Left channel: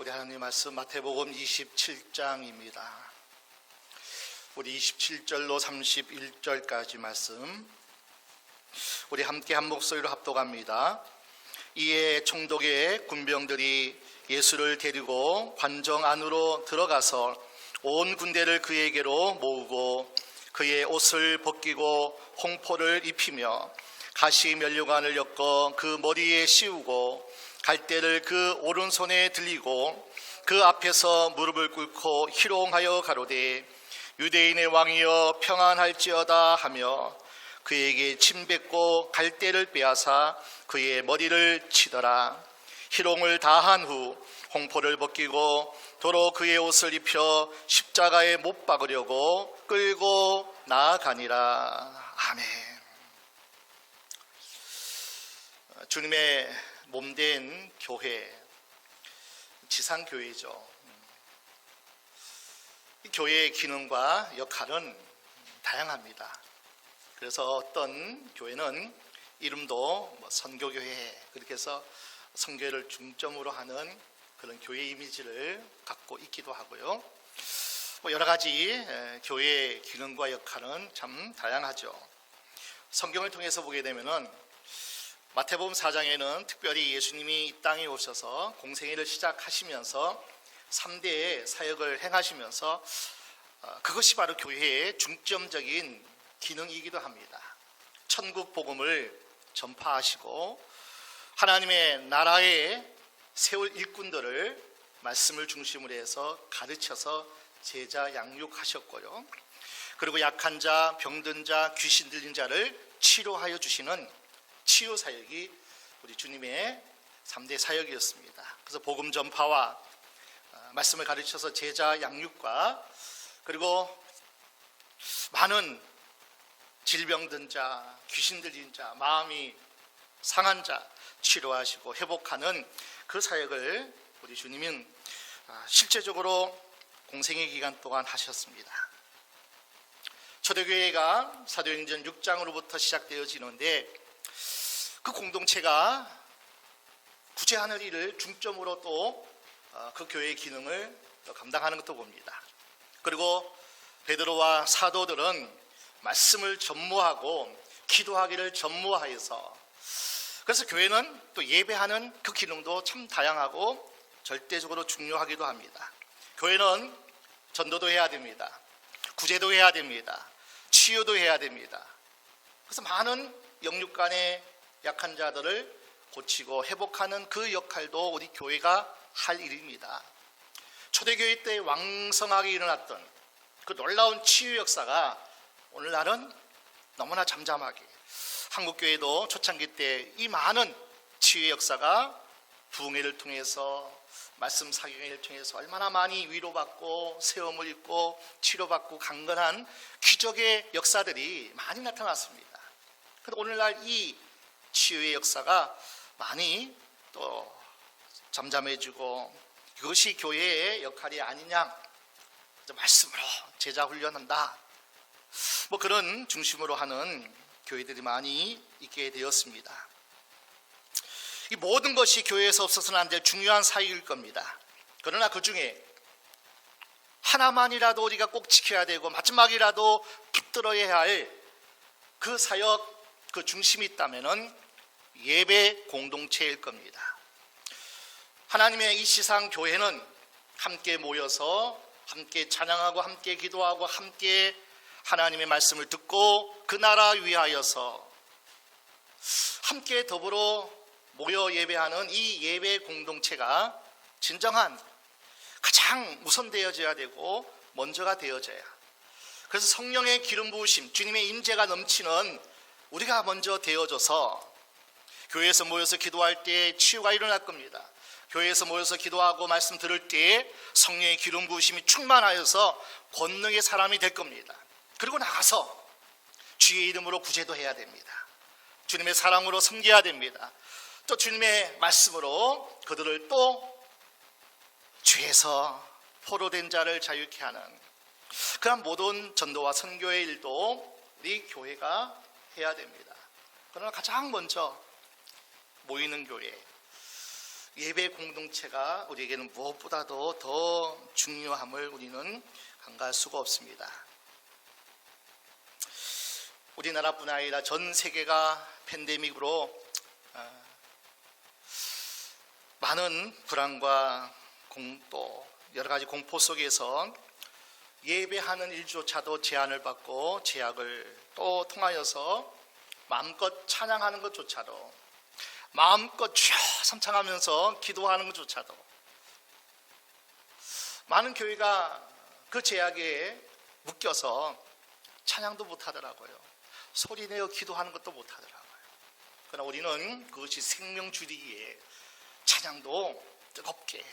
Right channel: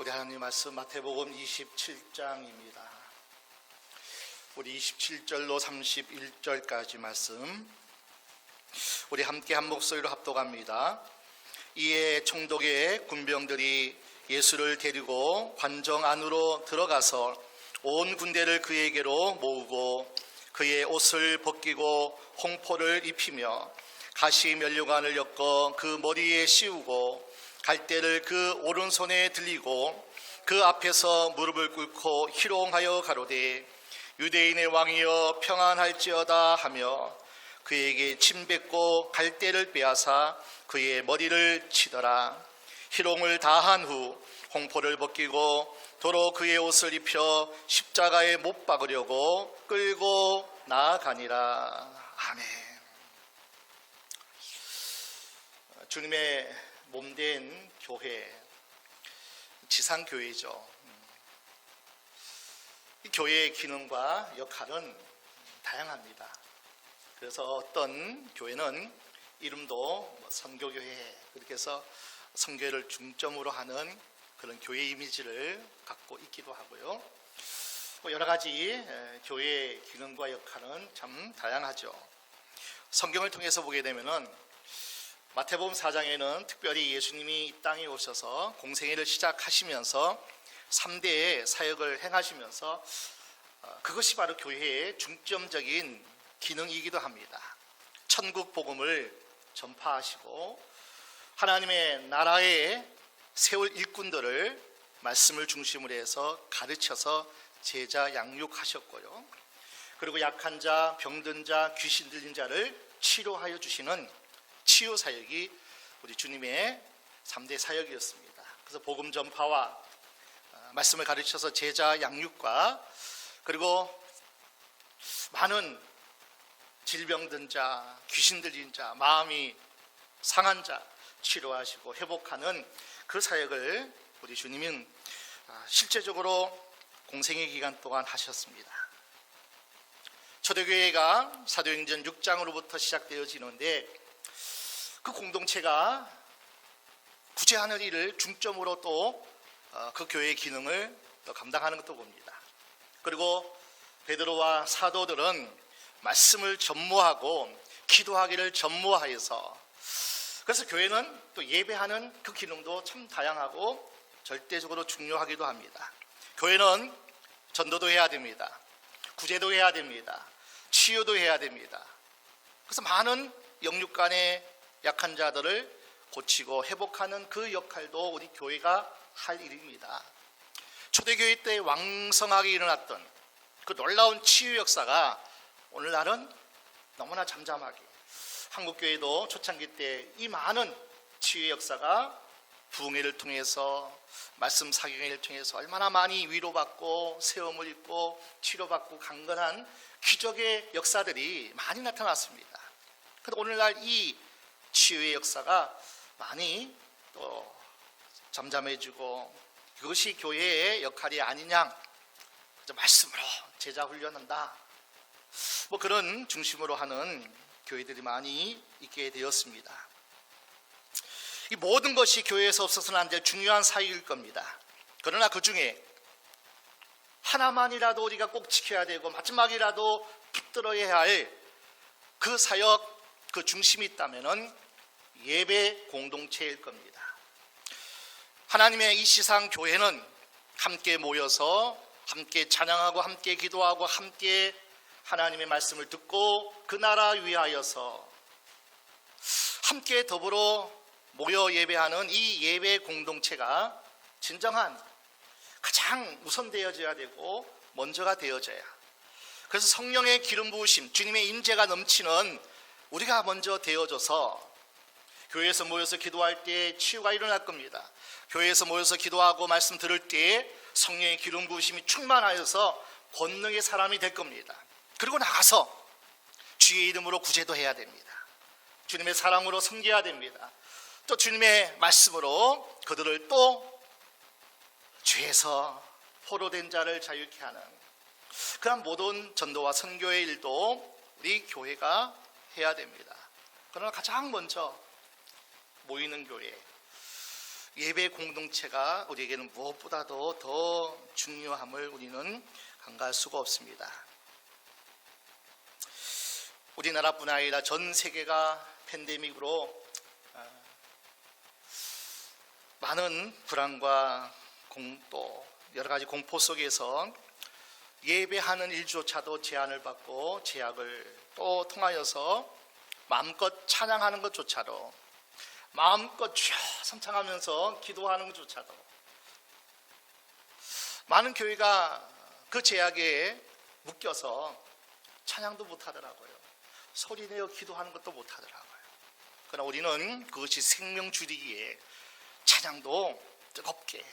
우리 하나님 말씀 마태복음 27장입니다. 우리 27절로 31절까지 말씀 우리 함께 한 목소리로 합독합니다. 이에 총독의 군병들이 예수를 데리고 관정 안으로 들어가서 온 군대를 그에게로 모으고 그의 옷을 벗기고 홍포를 입히며 가시 면류관을 엮어 그 머리에 씌우고 갈대를 그 오른손에 들리고 그 앞에서 무릎을 꿇고 희롱하여 가로되 유대인의 왕이여 평안할지어다 하며 그에게 침 뱉고 갈대를 빼앗아 그의 머리를 치더라. 희롱을 다한 후 홍포를 벗기고 도로 그의 옷을 입혀 십자가에 못 박으려고 끌고 나아가니라. 아멘. 주님의 몸된 교회, 지상교회죠. 이 교회의 기능과 역할은 다양합니다. 그래서 어떤 교회는 이름도 선교교회, 그렇게 해서 선교를 중점으로 하는 그런 교회 이미지를 갖고 있기도 하고요. 여러 가지 교회의 기능과 역할은 참 다양하죠. 성경을 통해서 보게 되면은 마태복음 4장에는 특별히 예수님이 이 땅에 오셔서 공생애를 시작하시면서 3대의 사역을 행하시면서 그것이 바로 교회의 중점적인 기능이기도 합니다. 천국 복음을 전파하시고 하나님의 나라에 세울 일꾼들을 말씀을 중심으로 해서 가르쳐서 제자 양육하셨고요. 그리고 약한 자, 병든 자, 귀신 들린 자를 치료하여 주시는 치유 사역이 우리 주님의 3대 사역이었습니다. 그래서 복음 전파와 말씀을 가르쳐서 제자 양육과 그리고 많은 질병든 자, 귀신 들린 자, 마음이 상한 자 치료하시고 회복하는 그 사역을 우리 주님은 실제적으로 공생의 기간 동안 하셨습니다. 초대교회가 사도행전 6장으로부터 시작되어지는데 그 공동체가 구제하는 일을 중점으로 또 그 교회의 기능을 또 감당하는 것도 봅니다. 그리고 베드로와 사도들은 말씀을 전무하고 기도하기를 전무하여서 그래서 교회는 또 예배하는 그 기능도 참 다양하고 절대적으로 중요하기도 합니다. 교회는 전도도 해야 됩니다. 구제도 해야 됩니다. 치유도 해야 됩니다. 그래서 많은 영육간의 약한 자들을 고치고 회복하는 그 역할도 우리 교회가 할 일입니다. 초대교회 때 왕성하게 일어났던 그 놀라운 치유 역사가 오늘날은 너무나 잠잠하게 한국교회도 초창기 때 이 많은 치유 역사가 부흥회를 통해서 말씀 사경회를 통해서 얼마나 많이 위로받고 세움을 입고 치료받고 강건한 기적의 역사들이 많이 나타났습니다. 그런데 오늘날 이 치유의 역사가 많이 또 잠잠해지고 이것이 교회의 역할이 아니냐, 말씀으로 제자 훈련한다, 그런 중심으로 하는 교회들이 많이 있게 되었습니다. 이 모든 것이 교회에서 없어서는 안 될 중요한 사역일 겁니다. 그러나 그 중에 하나만이라도 우리가 꼭 지켜야 되고 마지막이라도 붙들어야 할 그 사역, 그 중심이 있다면은 예배 공동체일 겁니다. 하나님의 이 세상 교회는 함께 모여서 함께 찬양하고 함께 기도하고 함께 하나님의 말씀을 듣고 그 나라 위하여서 함께 더불어 모여 예배하는 이 예배 공동체가 진정한 가장 우선되어져야 되고 먼저가 되어져야, 그래서 성령의 기름 부으심, 주님의 임재가 넘치는 우리가 먼저 되어져서 교회에서 모여서 기도할 때 치유가 일어날 겁니다. 교회에서 모여서 기도하고 말씀 들을 때 성령의 기름 부으심이 충만하여서 권능의 사람이 될 겁니다. 그리고 나가서 주의 이름으로 구제도 해야 됩니다. 주님의 사랑으로 섬겨야 됩니다. 또 주님의 말씀으로 그들을 또 죄에서 포로된 자를 자유케 하는 그런 모든 전도와 선교의 일도 우리 교회가 해야 됩니다. 그러나 가장 먼저 모이는 교회, 예배 공동체가 우리에게는 무엇보다도 더 중요함을 우리는 간과할 수가 없습니다. 우리나라뿐 아니라 전 세계가 팬데믹으로 많은 불안과 또 여러 가지 공포 속에서 예배하는 일조차도 제한을 받고 제약을 또 통하여서 마음껏 찬양하는 것조차도, 마음껏 주여 삼창하면서 기도하는 것조차도 많은 교회가 그 제약에 묶여서 찬양도 못하더라고요. 소리내어 기도하는 것도 못하더라고요. 그러나 우리는 그것이 생명 줄이기에 찬양도 뜨겁게,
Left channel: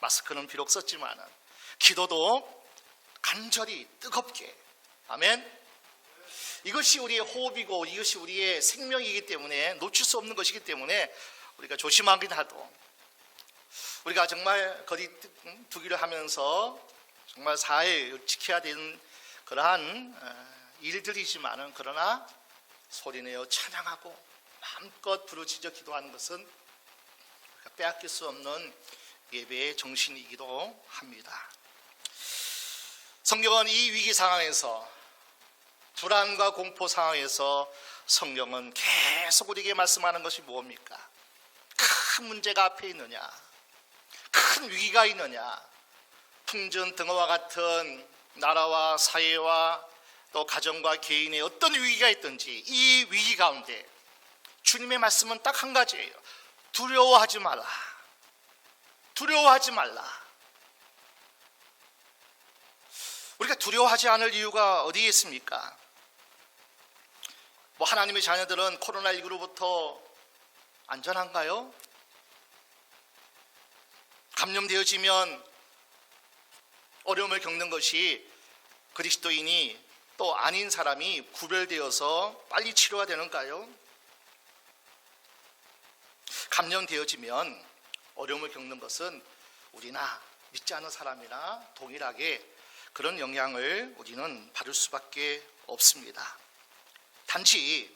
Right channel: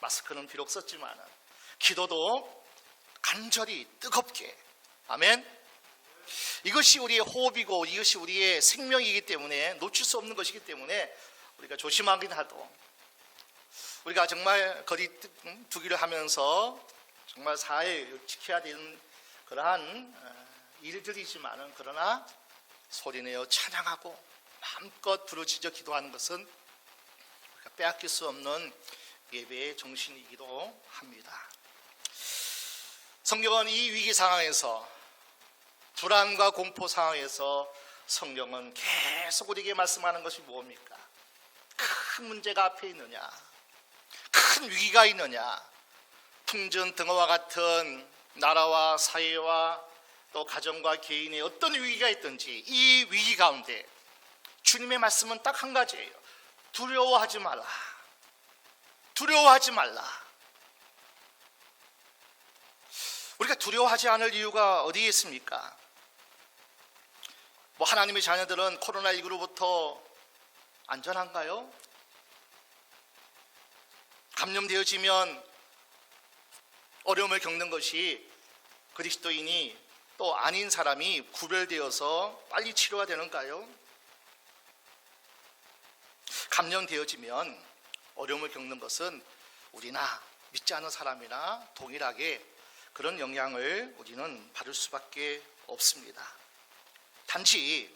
마스크는 비록 썼지만 기도도 간절히 뜨겁게, 아멘. 이것이 우리의 호흡이고 이것이 우리의 생명이기 때문에, 놓칠 수 없는 것이기 때문에 우리가 조심하긴 하도, 우리가 정말 거리 두기를 하면서 정말 사회에 지켜야 되는 그러한 일들이지만은, 그러나 소리내어 찬양하고 마음껏 부르짖어 기도하는 것은 우리가 빼앗길 수 없는 예배의 정신이기도 합니다. 성경은 이 위기 상황에서, 불안과 공포 상황에서 성경은 계속 우리에게 말씀하는 것이 무엇입니까? 큰 문제가 앞에 있느냐, 큰 위기가 있느냐, 풍전 등화와 같은 나라와 사회와 또 가정과 개인의 어떤 위기가 있든지 이 위기 가운데 주님의 말씀은 딱 한 가지예요. 두려워하지 말라. 두려워하지 말라. 우리가 두려워하지 않을 이유가 어디에 있습니까? 하나님의 자녀들은 코로나19로부터 안전한가요? 감염되어지면 어려움을 겪는 것이 그리스도인이 또 아닌 사람이 구별되어서 빨리 치료가 되는가요? 감염되어지면 어려움을 겪는 것은 우리나 믿지 않는 사람이나 동일하게 그런 영향을 우리는 받을 수밖에 없습니다. 단지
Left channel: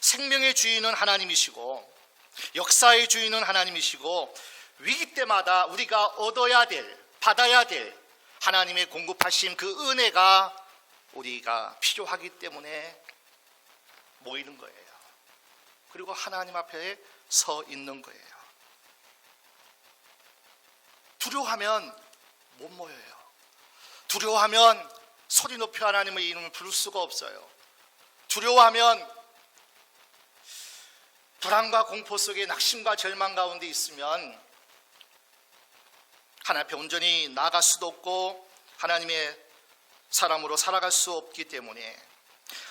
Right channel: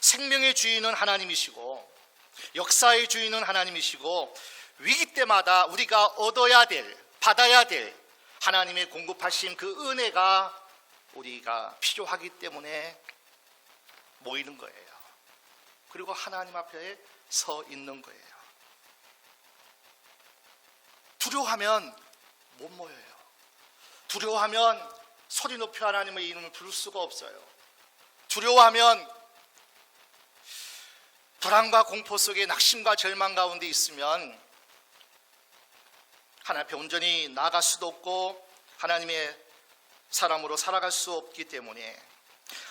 생명의 주인은 하나님이시고 역사의 주인은 하나님이시고 위기 때마다 우리가 얻어야 될, 받아야 될 하나님의 공급하신 그 은혜가 우리가 필요하기 때문에 모이는 거예요. 그리고 하나님 앞에 서 있는 거예요. 두려워하면 못 모여요. 두려워하면 소리 높여 하나님의 이름을 부를 수가 없어요. 두려워하면 불안과 공포 속에 낙심과 절망 가운데 있으면 하나님 앞에 온전히 나아갈 수도 없고 하나님의 사람으로 살아갈 수 없기 때문에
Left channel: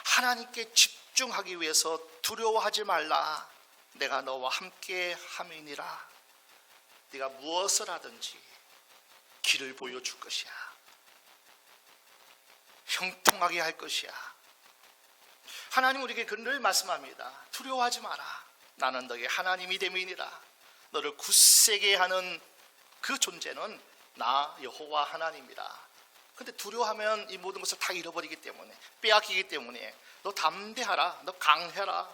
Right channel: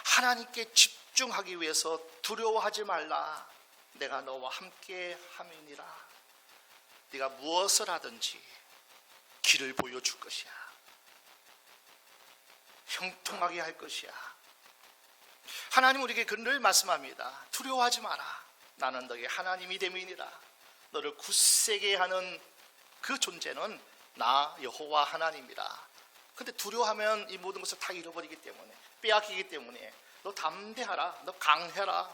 하나님께 집중하기 위해서 두려워하지 말라. 내가 너와 함께 함이니라. 네가 무엇을 하든지 길을 보여줄 것이야. 형통하게 할 것이야. 하나님 우리에게 늘 말씀합니다. 두려워하지 마라. 나는 너의 하나님이 됨이니라. 너를 굳세게 하는 그 존재는 나 여호와 하나님이라. 근데 두려워하면 이 모든 것을 다 잃어버리기 때문에, 빼앗기기 때문에 너 담대하라. 너 강해라.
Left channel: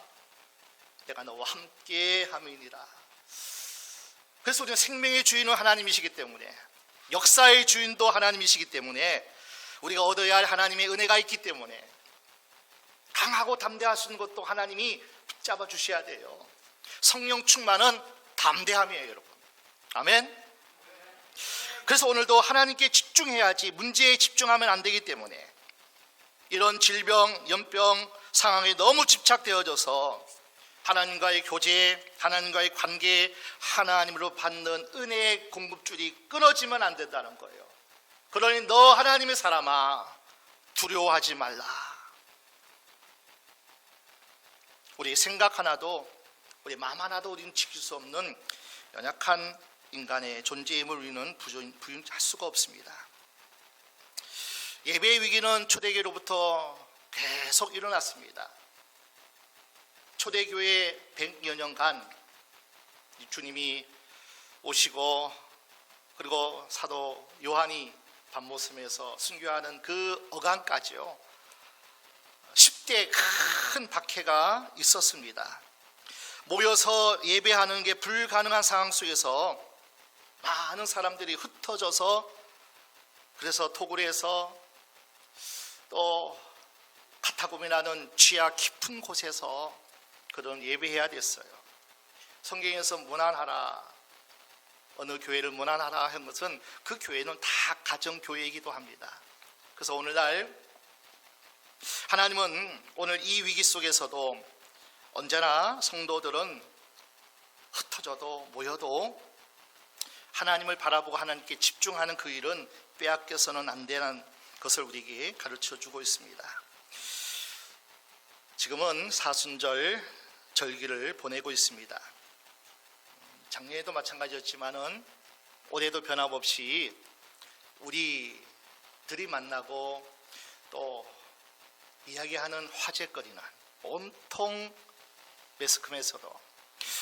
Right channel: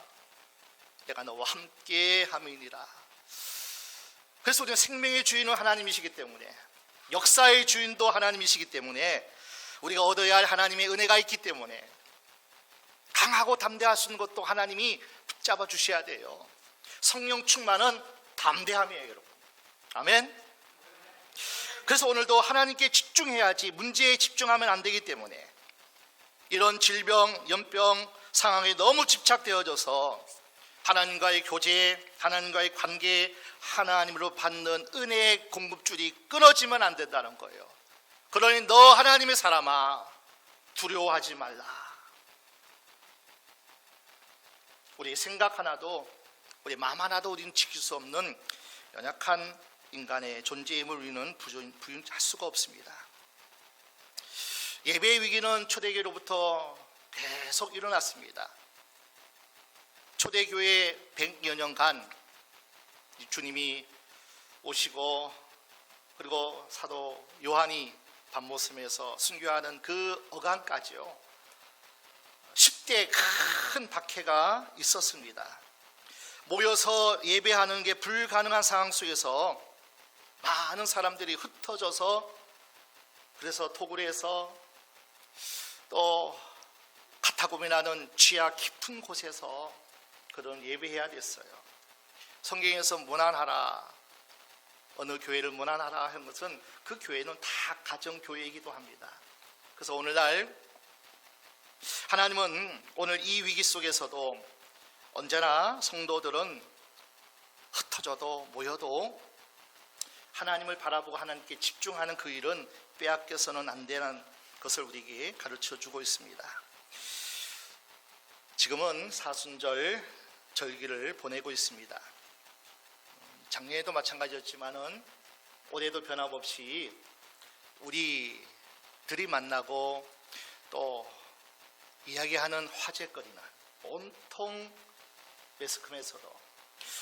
내가 너와 함께 함이니라. 그래서 우리는 생명의 주인은 하나님이시기 때문에, 역사의 주인도 하나님이시기 때문에, 우리가 얻어야 할 하나님의 은혜가 있기 때문에 강하고 담대할 수 있는 것도 하나님이 붙잡아 주셔야 돼요. 성령 충만은 담대함이에요, 여러분. 아멘. 그래서 오늘도 하나님께 집중해야지 문제에 집중하면 안 되기 때문에 이런 질병, 연병 상황에 너무 집착되어져서 하나님과의 교제, 하나님과의 관계, 하나님으로 받는 은혜의 공급줄이 끊어지면 안 된다는 거예요. 그러니 너 하나님의 사람아, 두려워하지 말라. 우리 생각 하나도, 우리 마음 하나도 우리는 지킬 수 없는 연약한 인간의 존재임을 우리는 부인할 수가 없습니다. 예배의 위기는 초대교회로부터 계속 일어났습니다. 초대교회 100여 년간 주님이 오시고 그리고 사도 요한이 밤모섬에서 순교하는 그 어간까지요, 10대의 큰 박해가 있었습니다. 모여서 예배하는 게 불가능한 상황 속에서 많은 사람들이 흩어져서, 그래서 토굴에서 또 카타콤이라는 지하 깊은 곳에서 그런 예배해야 됐어요. 성경에서 문안하라, 어느 교회를 문안하라 한 것은 그 교회는 다 가정교회이기도 합니다. 그래서 오늘날 하나님은 오늘 이 위기 속에서도 언제나 성도들은 흩어져도 모여도 하나님을 바라보고 하나님께 집중하는 그 일은 빼앗겨서는 안 되는 것을 우리에게 가르쳐주고 있습니다. 지금은 사순절 절기를 보내고 있습니다. 작년에도 마찬가지였지만은 올해도 변함없이 우리들이 만나고 또 이야기하는 화제거리는 온통 매스컴에서도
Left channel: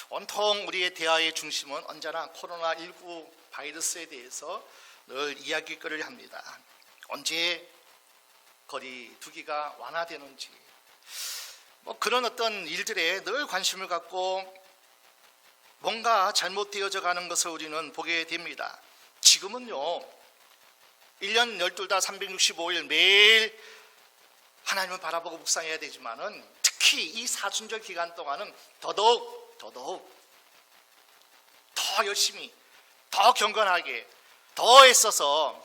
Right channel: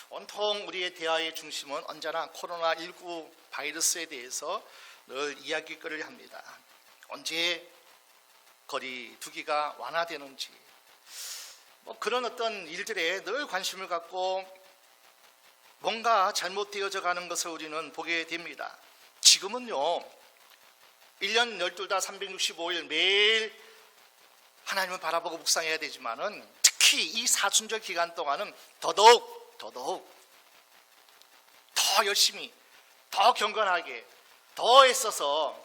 온통 우리의 대화의 중심은 언제나 코로나19 바이러스에 대해서 늘 이야기거리를 합니다. 언제 거리 두기가 완화되는지 그런 어떤 일들에 늘 관심을 갖고 뭔가 잘못되어져 가는 것을 우리는 보게 됩니다. 지금은요 1년 12달 365일 매일 하나님을 바라보고 묵상해야 되지만은 특히 이 사순절 기간 동안은 더더욱 더 열심히, 더 경건하게, 더 애써서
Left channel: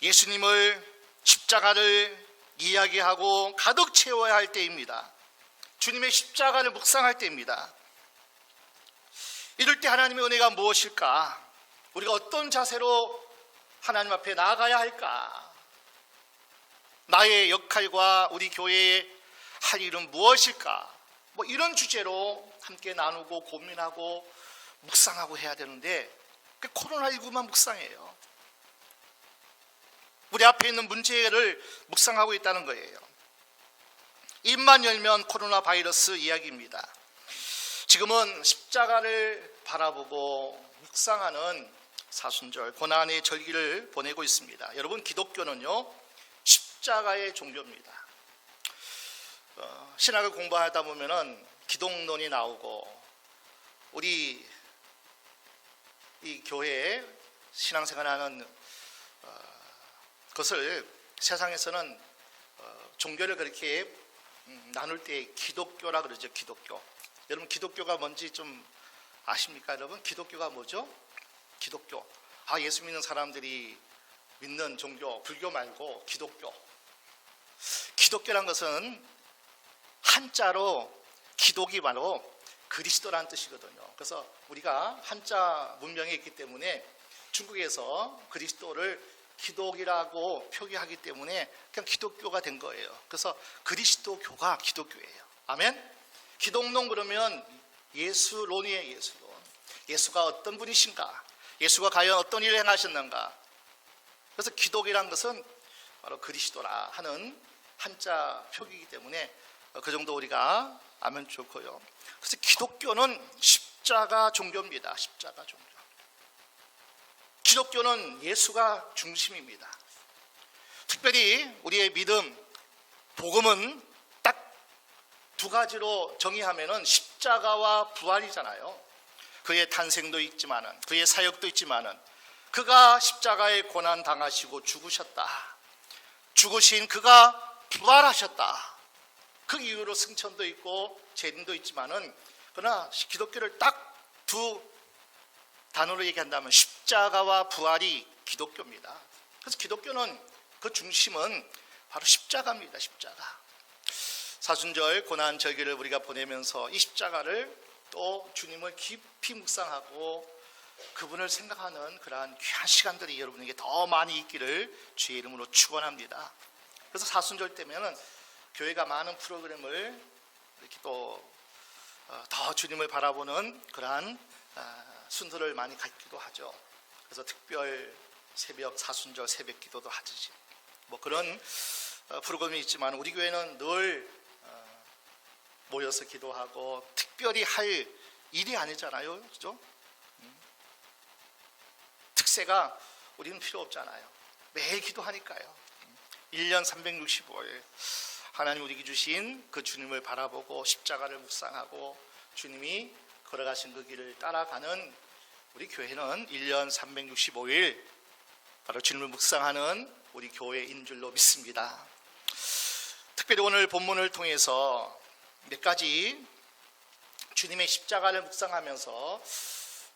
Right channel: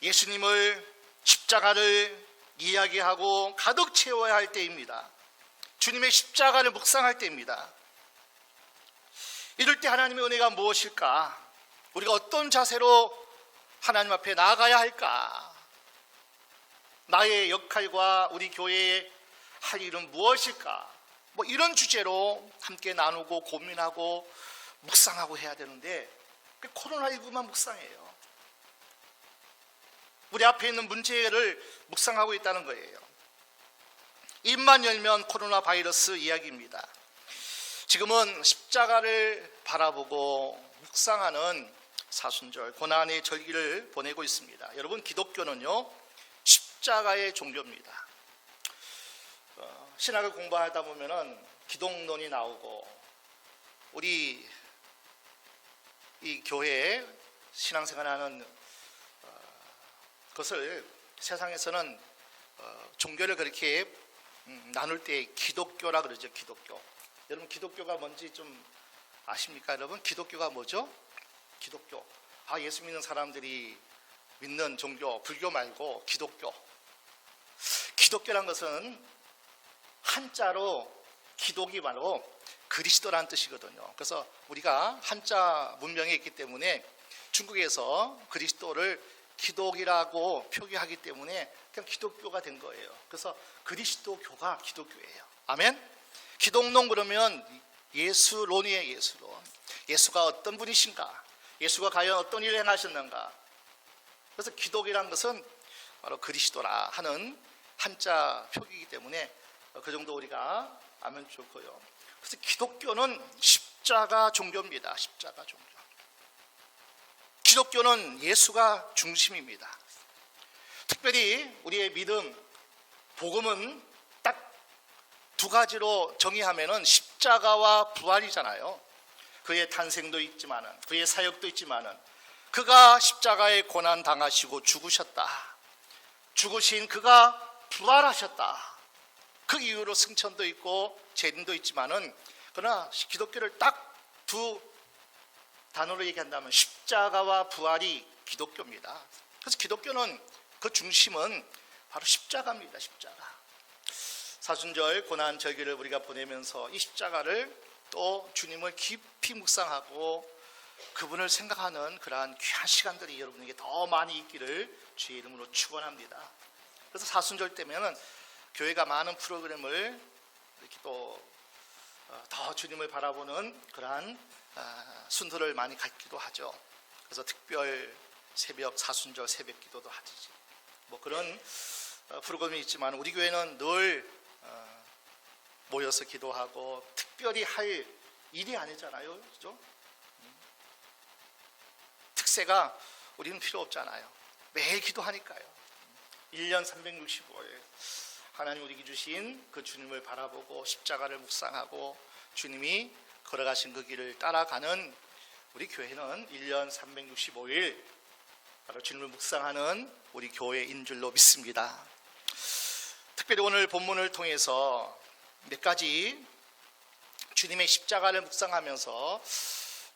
예수님을, 십자가를 이야기하고 가득 채워야 할 때입니다. 주님의 십자가를 묵상할 때입니다. 이럴 때 하나님의 은혜가 무엇일까? 우리가 어떤 자세로 하나님 앞에 나아가야 할까? 나의 역할과 우리 교회의 할 일은 무엇일까? 이런 주제로 함께 나누고 고민하고 묵상하고 해야 되는데 코로나19만 묵상해요. 우리 앞에 있는 문제를 묵상하고 있다는 거예요. 입만 열면 코로나 바이러스 이야기입니다. 지금은 십자가를 바라보고 묵상하는 사순절 고난의 절기를 보내고 있습니다. 여러분, 기독교는요 십자가의 종교입니다. 신학을 공부하다 보면은 기독론이 나오고 우리 이 교회에 신앙생활하는 것을 세상에서는 종교를 그렇게 나눌 때 기독교라 그러죠. 기독교. 여러분, 기독교가 뭔지 좀 아십니까? 여러분, 기독교가 뭐죠? 기독교. 예수 믿는 사람들이 믿는 종교, 불교 말고 기독교. 기독교란 것은 한자로 기독이 바로 그리스도라는 뜻이거든요. 그래서 우리가 한자 문명에 있기 때문에 중국에서 그리스도를 기독이라고 표기하기 때문에 그냥 기독교가 된 거예요. 그래서 그리스도교가 기독교예요. 아멘? 기독론 그러면 예수론이에요. 예수론. 예수가 어떤 분이신가? 예수가 과연 어떤 일을 행하셨는가? 그래서 기독이란 것은 바로 그리스도라 하는 한자 표기이기 때문에 그 정도 우리가 알면 좋고요. 그래서 기독교는 십자가 종교입니다. 십자가 종교. 기독교는 예수가 중심입니다. 특별히 우리의 믿음, 복음은 딱 두 가지로 정의하면은 십자가와 부활이잖아요. 그의 탄생도 있지만은, 그의 사역도 있지만은, 그가 십자가에 고난 당하시고 죽으셨다. 죽으신 그가 부활하셨다. 그 이후로 승천도 있고 재림도 있지만은, 그러나 기독교를 딱 두 단어로 얘기한다면 십자가와 부활이 기독교입니다. 그래서 기독교는 그 중심은 바로 십자가입니다. 십자가. 사순절 고난 절기를 우리가 보내면서 이 십자가를 또 주님을 깊이 묵상하고 그분을 생각하는 그러한 귀한 시간들이 여러분에게 더 많이 있기를 주의 이름으로 축원합니다. 그래서 사순절 때면은 교회가 많은 프로그램을 이렇게 또 더 주님을 바라보는 그러한 순서를 많이 갖기도 하죠. 그래서 특별 새벽 사순절 새벽 기도도 하지. 그런 프로그램이 있지만 우리 교회는 늘 모여서 기도하고 특별히 할 일이 아니잖아요. 그죠? 특세가 우리는 필요 없잖아요. 매일 기도하니까요. 1년 365일 하나님 우리에게 주신 그 주님을 바라보고 십자가를 묵상하고 주님이 걸어가신 그 길을 따라가는 우리 교회는 1년 365일 바로 주님을 묵상하는 우리 교회인 줄로 믿습니다. 특별히 오늘 본문을 통해서 몇 가지 주님의 십자가를 묵상하면서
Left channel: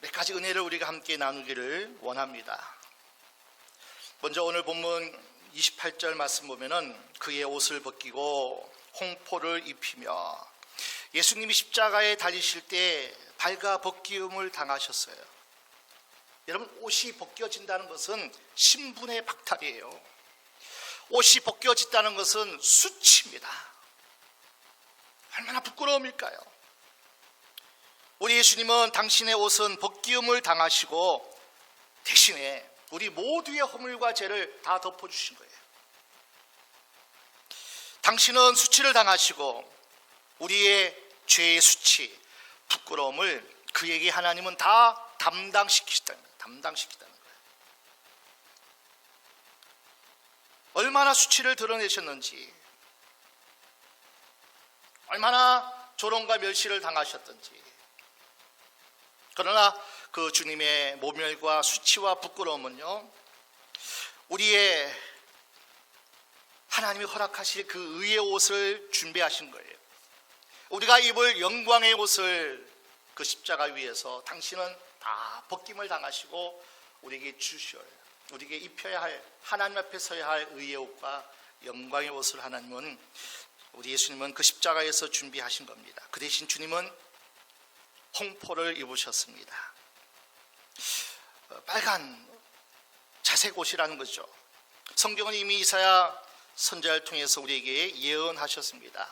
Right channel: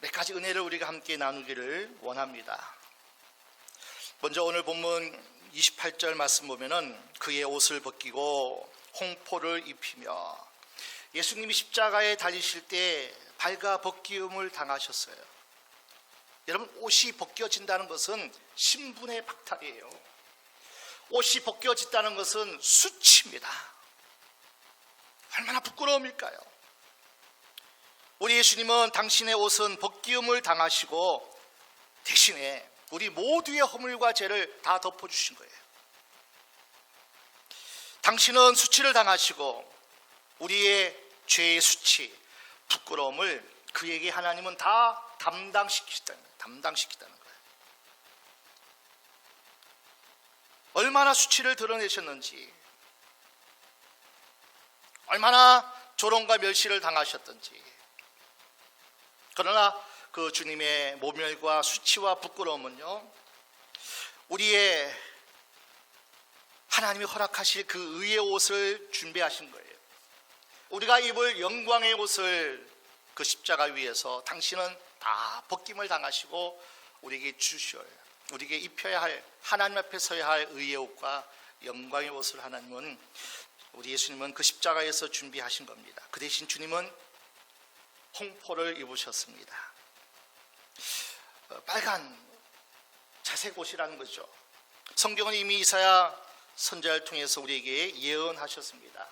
몇 가지 은혜를 우리가 함께 나누기를 원합니다. 먼저 오늘 본문 28절 말씀 보면은 그의 옷을 벗기고 홍포를 입히며, 예수님이 십자가에 달리실 때 발가 벗기움을 당하셨어요. 여러분, 옷이 벗겨진다는 것은 신분의 박탈이에요. 옷이 벗겨진다는 것은 수치입니다. 얼마나 부끄러움일까요? 우리 예수님은 당신의 옷은 벗기움을 당하시고 대신에 우리 모두의 허물과 죄를 다 덮어주신 거예요. 당신은 수치를 당하시고 우리의 죄의 수치, 부끄러움을 그에게 하나님은 다 담당시키시다는 거예요. 얼마나 수치를 드러내셨는지, 얼마나 조롱과 멸시를 당하셨던지. 그러나 그 주님의 모멸과 수치와 부끄러움은요, 우리의 하나님이 허락하실 그 의의 옷을 준비하신 거예요. 우리가 입을 영광의 옷을 그 십자가 위에서 당신은 다 벗김을 당하시고 우리에게 주셔야, 우리에게 입혀야 할, 하나님 앞에 서야 할 의의 옷과 영광의 옷을 하나님은, 우리 예수님은 그 십자가에서 준비하신 겁니다. 그 대신 주님은 홍포를 입으셨습니다. 빨간 자색 옷이라는 거죠. 성경은 이미 이사야 선지자를 통해서 우리에게 예언하셨습니다.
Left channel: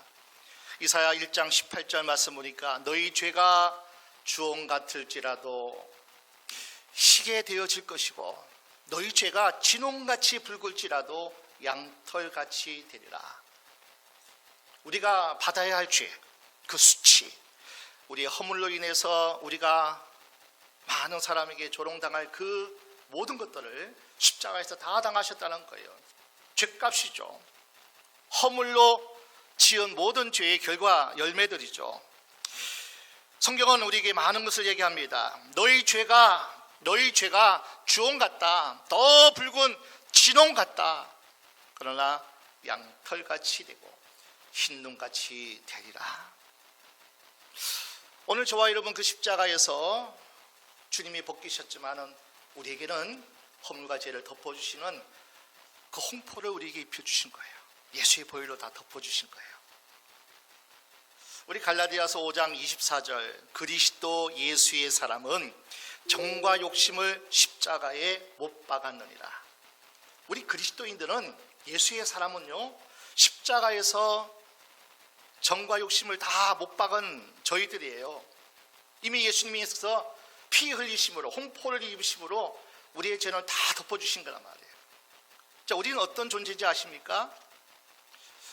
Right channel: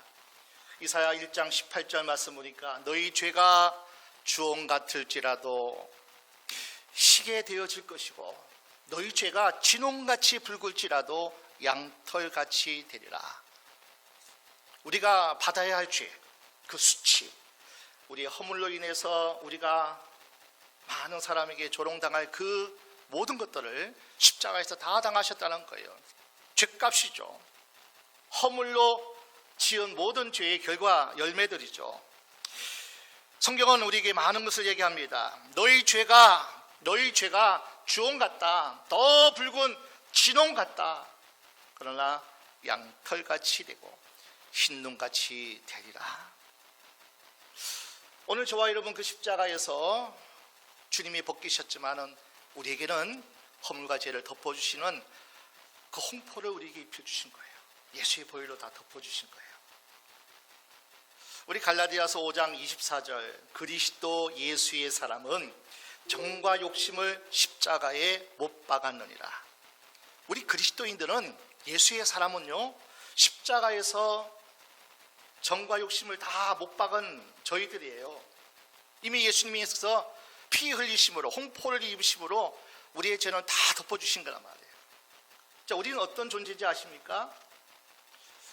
이사야 1장 18절 말씀 보니까 너희 죄가 주홍 같을지라도 희게 되어질 것이고 너희 죄가 진홍같이 붉을지라도 양털같이 되리라. 우리가 받아야 할 죄, 그 수치, 우리의 허물로 인해서 우리가 많은 사람에게 조롱당할 그 모든 것들을 십자가에서 다 당하셨다는 거예요. 죄값이죠. 허물로 지은 모든 죄의 결과 열매들이죠. 성경은 우리에게 많은 것을 얘기합니다. 너희 죄가 주홍 같다, 더 붉은 진홍 같다. 그러나 양털같이 되고 흰눈같이 되리라. 오늘 저와 여러분 그 십자가에서 주님이 벗기셨지만은 우리에게는 허물과 죄를 덮어주시는 그 홍포를 우리에게 입혀주신 거예요. 예수의 보혈로 다 덮어주신 거예요. 우리 갈라디아서 5장 24절, 그리스도 예수의 사람은 정과 욕심을 십자가에 못 박았느니라. 우리 그리스도인들은, 예수의 사람은요, 십자가에서 정과 욕심을 다 못 박은 저희들이에요. 이미 예수님께서 피 흘리심으로, 홍포를 입으심으로 우리의 죄는 다 덮어주신 거란 말이에요. 자, 우리는 어떤 존재인지 아십니까?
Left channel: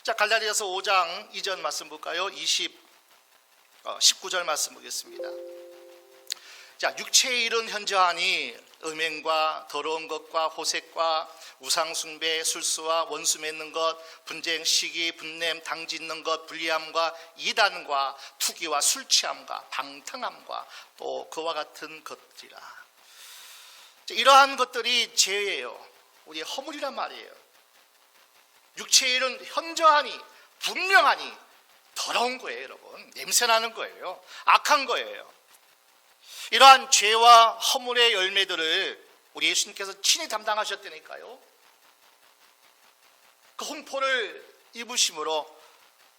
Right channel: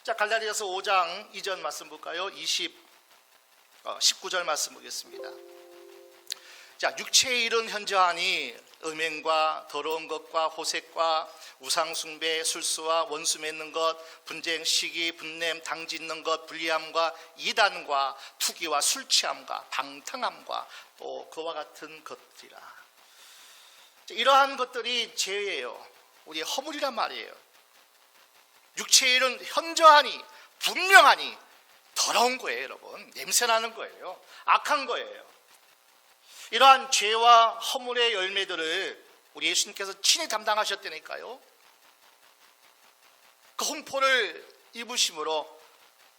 자, 갈라디아서 5장 2절 말씀 볼까요? 19절 말씀 보겠습니다. 자, 육체의 일은 현저하니 음행과 더러운 것과 호색과 우상숭배, 술수와 원수 맺는 것, 분쟁, 시기, 분냄, 당짓는 것, 불리함과 이단과 투기와 술취함과 방탕함과 또 그와 같은 것들이라. 자, 이러한 것들이 죄예요. 우리의 허물이란 말이에요. 육체의 일은 현저하니, 분명하니 더러운 거예요, 여러분. 냄새나는 거예요. 악한 거예요. 이러한 죄와 허물의 열매들을 우리 예수님께서 친히 담당하셨다니까요. 그 홍포를 입으심으로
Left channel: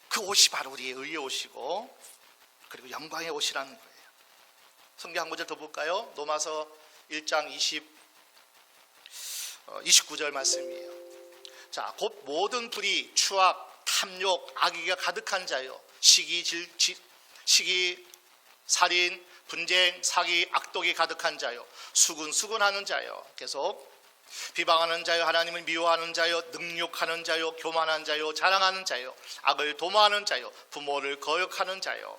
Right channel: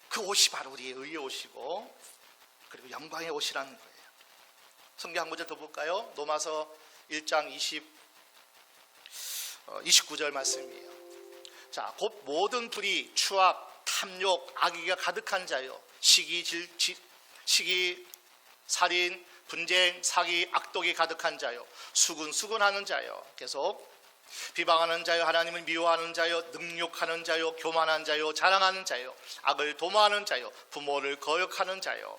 그 옷이 바로 우리의 의의 옷이고, 그리고 영광의 옷이라는 거예요. 성경 한 구절 더 볼까요? 로마서 1장 29절 말씀이에요. 자, 곧 모든 불의, 추악, 탐욕, 악의가 가득한 자요, 시기, 살인, 분쟁, 사기, 악독이 가득한 자요, 수군하는 자요, 계속 비방하는 자요, 하나님을 미워하는 자요, 능욕하는 자요, 교만한 자요, 자랑하는 자요, 악을 도모하는 자요, 부모를 거역하는 자요,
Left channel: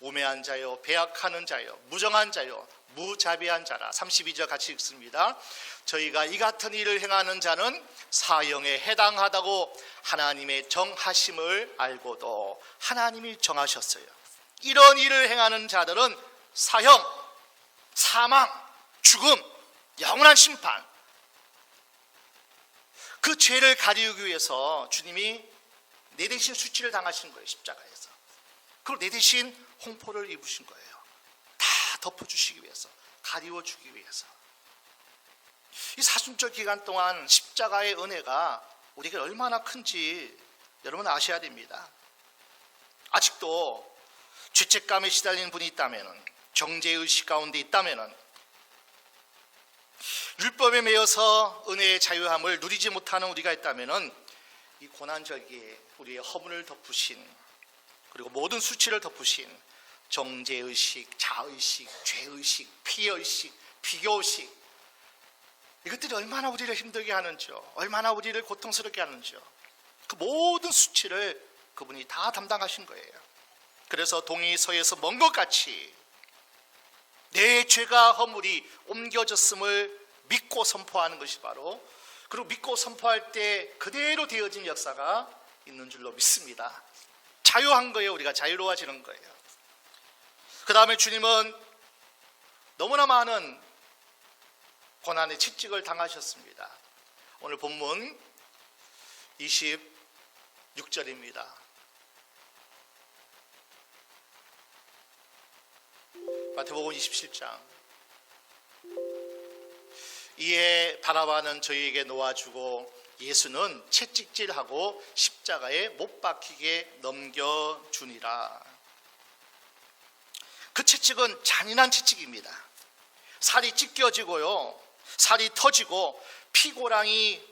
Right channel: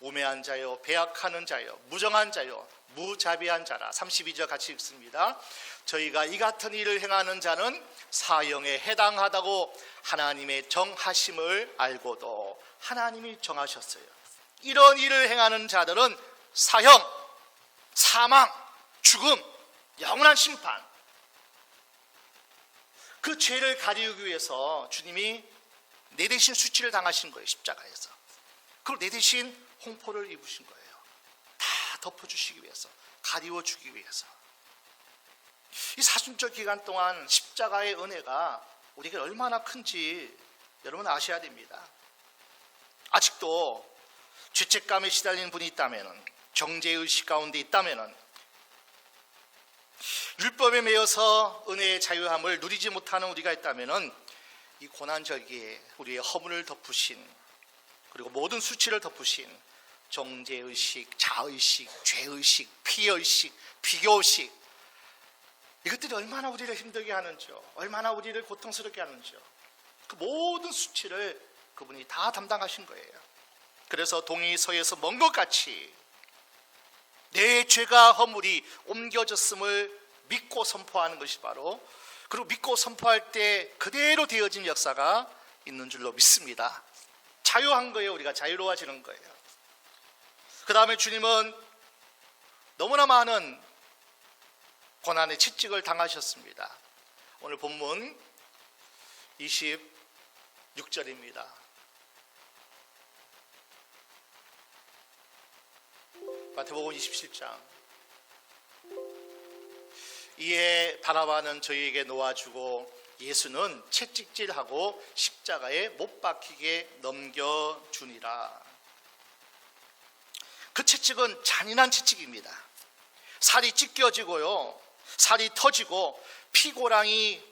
우매한 자요, 배약하는 자요, 무정한 자요, 무자비한 자라. 32절 같이 읽습니다. 저희가 이 같은 일을 행하는 자는 사형에 해당하다고 하나님의 정하심을 알고도 하나님이 정하셨어요. 이런 일을 행하는 자들은 사형, 사망, 죽음, 영원한 심판, 그 죄를 가리우기 위해서 주님이 내 대신 수치를 당하신 거예요. 십자가에서. 그리고 내 대신 홍포를 입으신 거예요. 다 덮어주시기 위해서, 가리워주기 위해서. 이 사순절 기간 동안 십자가의 은혜가 우리에게 얼마나 큰지 여러분 아셔야 됩니다. 아직도 죄책감에 시달리는 분이 있다면, 정죄의식 가운데 있다면, 율법에 매여서 은혜의 자유함을 누리지 못하는 우리가 있다면, 이 고난절기에 우리의 허물을 덮으신, 그리고 모든 수치를 덮으신 정죄의식, 자의식, 죄의식, 피의식, 비교의식, 이것들이 얼마나 우리를 힘들게 하는지요, 얼마나 우리를 고통스럽게 하는지요. 그 모든 수치를 그분이 다 담당하신 거예요. 그래서 동이 서에서 먼 것 같이 내 죄가 허물이 옮겨졌음을 믿고 선포하는 것이 바로, 그리고 믿고 선포할 때 그대로 되어진 역사가 있는 줄로 믿습니다. 자유한 거예요. 우리가 자유로워지는 거예요. 그 다음에 주님은 너무나 많은 고난의 채찍을 당하셨습니다. 오늘 본문 26절입니다. 마태복음 27장. 이에 바라바는 저희에게 놓아주고 예수는 채찍질하고 십자가에 못 박히게 넘겨주니라. 그 채찍은 잔인한 채찍입니다. 살이 찢겨지고요, 살이 터지고 피고랑이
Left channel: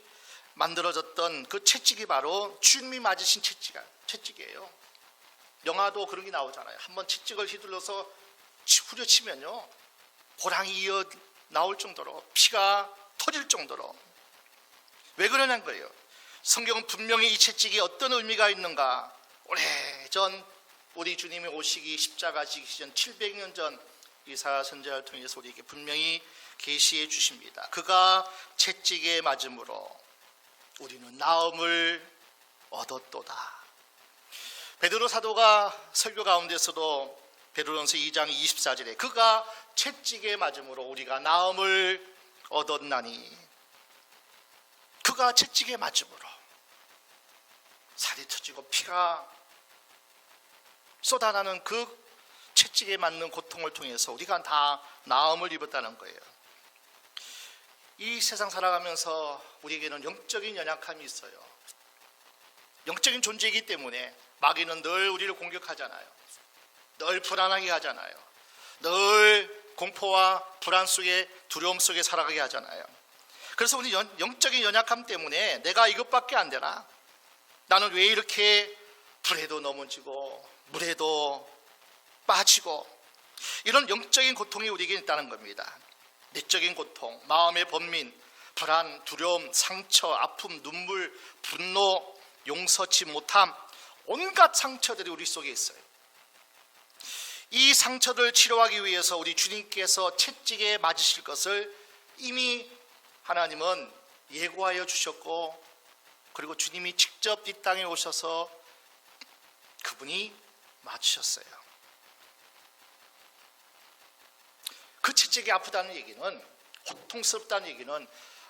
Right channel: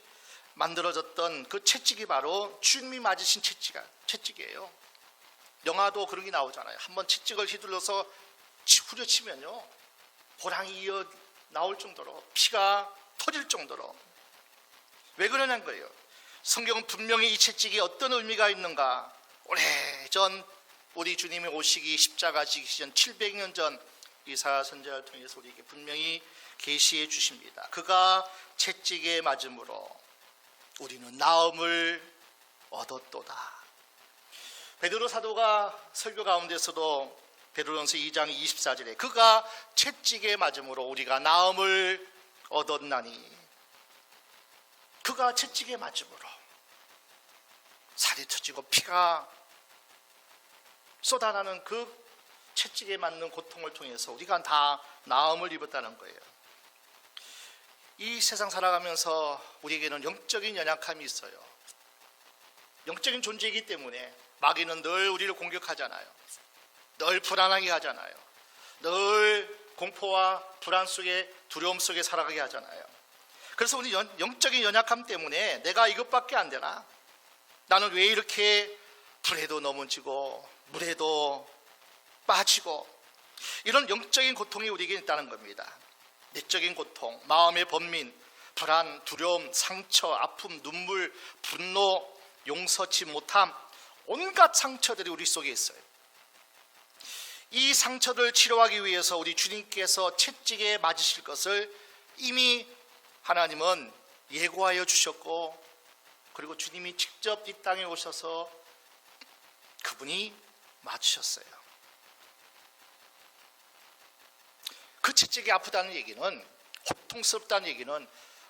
만들어졌던 그 채찍이 바로 주님이 맞으신 채찍이에요. 영화도 그런 게 나오잖아요. 한번 채찍을 휘둘러서 후려치면요, 고랑이 이어 나올 정도로, 피가 터질 정도로. 왜 그러냐는 거예요. 성경은 분명히 이 채찍이 어떤 의미가 있는가, 오래전 우리 주님이 오시기 십자가 지기 전 700년 전 이사야 선지자를 통해서 우리에게 분명히 계시해 주십니다. 그가 채찍에 맞음으로 우리는 나음을 얻었도다. 베드로 사도가 설교 가운데서도 베드로전서 2장 24절에 그가 채찍에 맞음으로 우리가 나음을 얻었나니, 그가 채찍에 맞음으로 살이 터지고 피가 쏟아나는 그 채찍에 맞는 고통을 통해서 우리가 다 나음을 입었다는 거예요. 이 세상 살아가면서 우리에게는 영적인 연약함이 있어요. 영적인 존재이기 때문에 마귀는 늘 우리를 공격하잖아요. 늘 불안하게 하잖아요. 늘 공포와 불안 속에, 두려움 속에 살아가게 하잖아요. 그래서 우리 영적인 연약함 때문에 내가 이것밖에 안 되나? 나는 왜 이렇게 불에도 넘어지고 물에도 빠지고, 이런 영적인 고통이 우리에게 있다는 겁니다. 내적인 고통, 마음의 번민, 불안, 두려움, 상처, 아픔, 눈물, 분노, 용서치 못함, 온갖 상처들이 우리 속에 있어요. 이 상처를 치료하기 위해서 우리 주님께서 채찍에 맞으실 것을 이미 하나님은 예고하여 주셨고, 그리고 주님이 직접 이 땅에 오셔서 그분이 맞으셨어요. 그 채찍이 아프다는 얘기는, 고통스럽다는 얘기는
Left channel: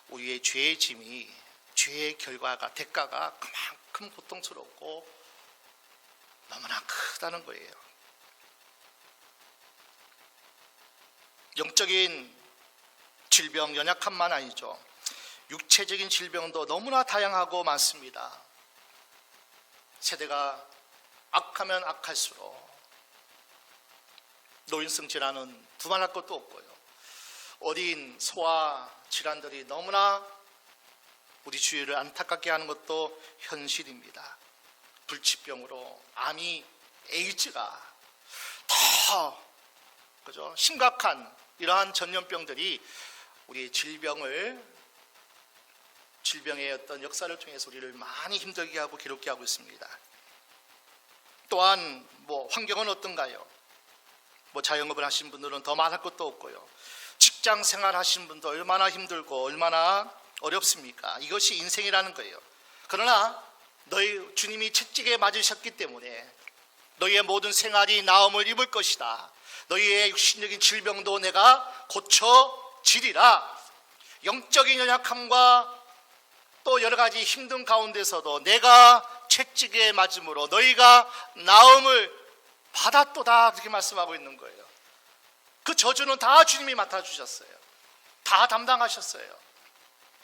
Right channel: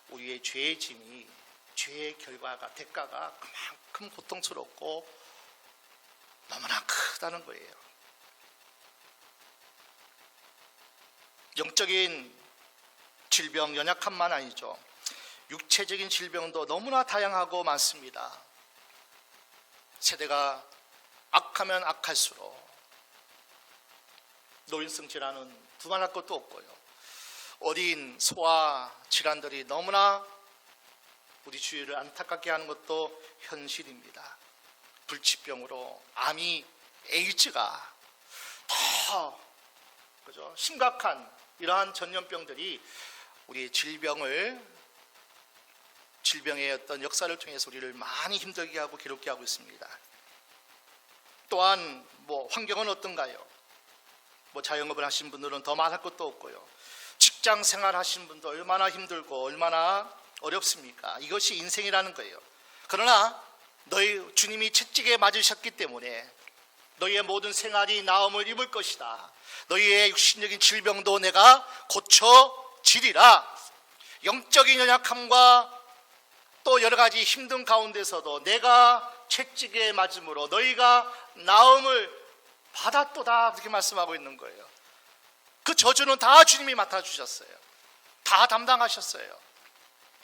우리의 죄의 짐이, 죄의 결과가, 대가가 그만큼 고통스럽고 너무나 크다는 거예요. 영적인 질병, 연약함만 아니죠. 육체적인 질병도 너무나 다양하고 많습니다. 세대가 악하면 악할수록 노인성 질환은 두말할 것도 없고요. 어린 소아 질환들이 너무나 우리 주위를 안타깝게 하는 것도 현실입니다. 불치병으로 암이, 에이즈가 더 심각한 이러한 전염병들이 우리의 질병의 어떤 역사를 통해서 우리를 많이 힘들게 하고 괴롭게 하고 있습니다. 또한 환경은 어떤가요? 자영업을 하신 분들은 더 말할 것도 없고요. 직장 생활 하신 분도 얼마나 힘들고 얼마나 어렵습니까? 이것이 인생이라는 거예요. 그러나 너희 주님이 채찍에 맞으셨기 때문에 너희의 모든 생활이 나음을 입을 것이다. 너희의 육신적인 질병도 내가 고쳐지리라. 영적인 연약함과 또 여러 가지 힘든 가운데서도 내가 채찍에 맞음으로 너희가 나음을 받았도다, 그렇게 말씀하고 있는 거예요. 그 저주는 다 주님이 맡아주셨어요. 다 담당하셨어요.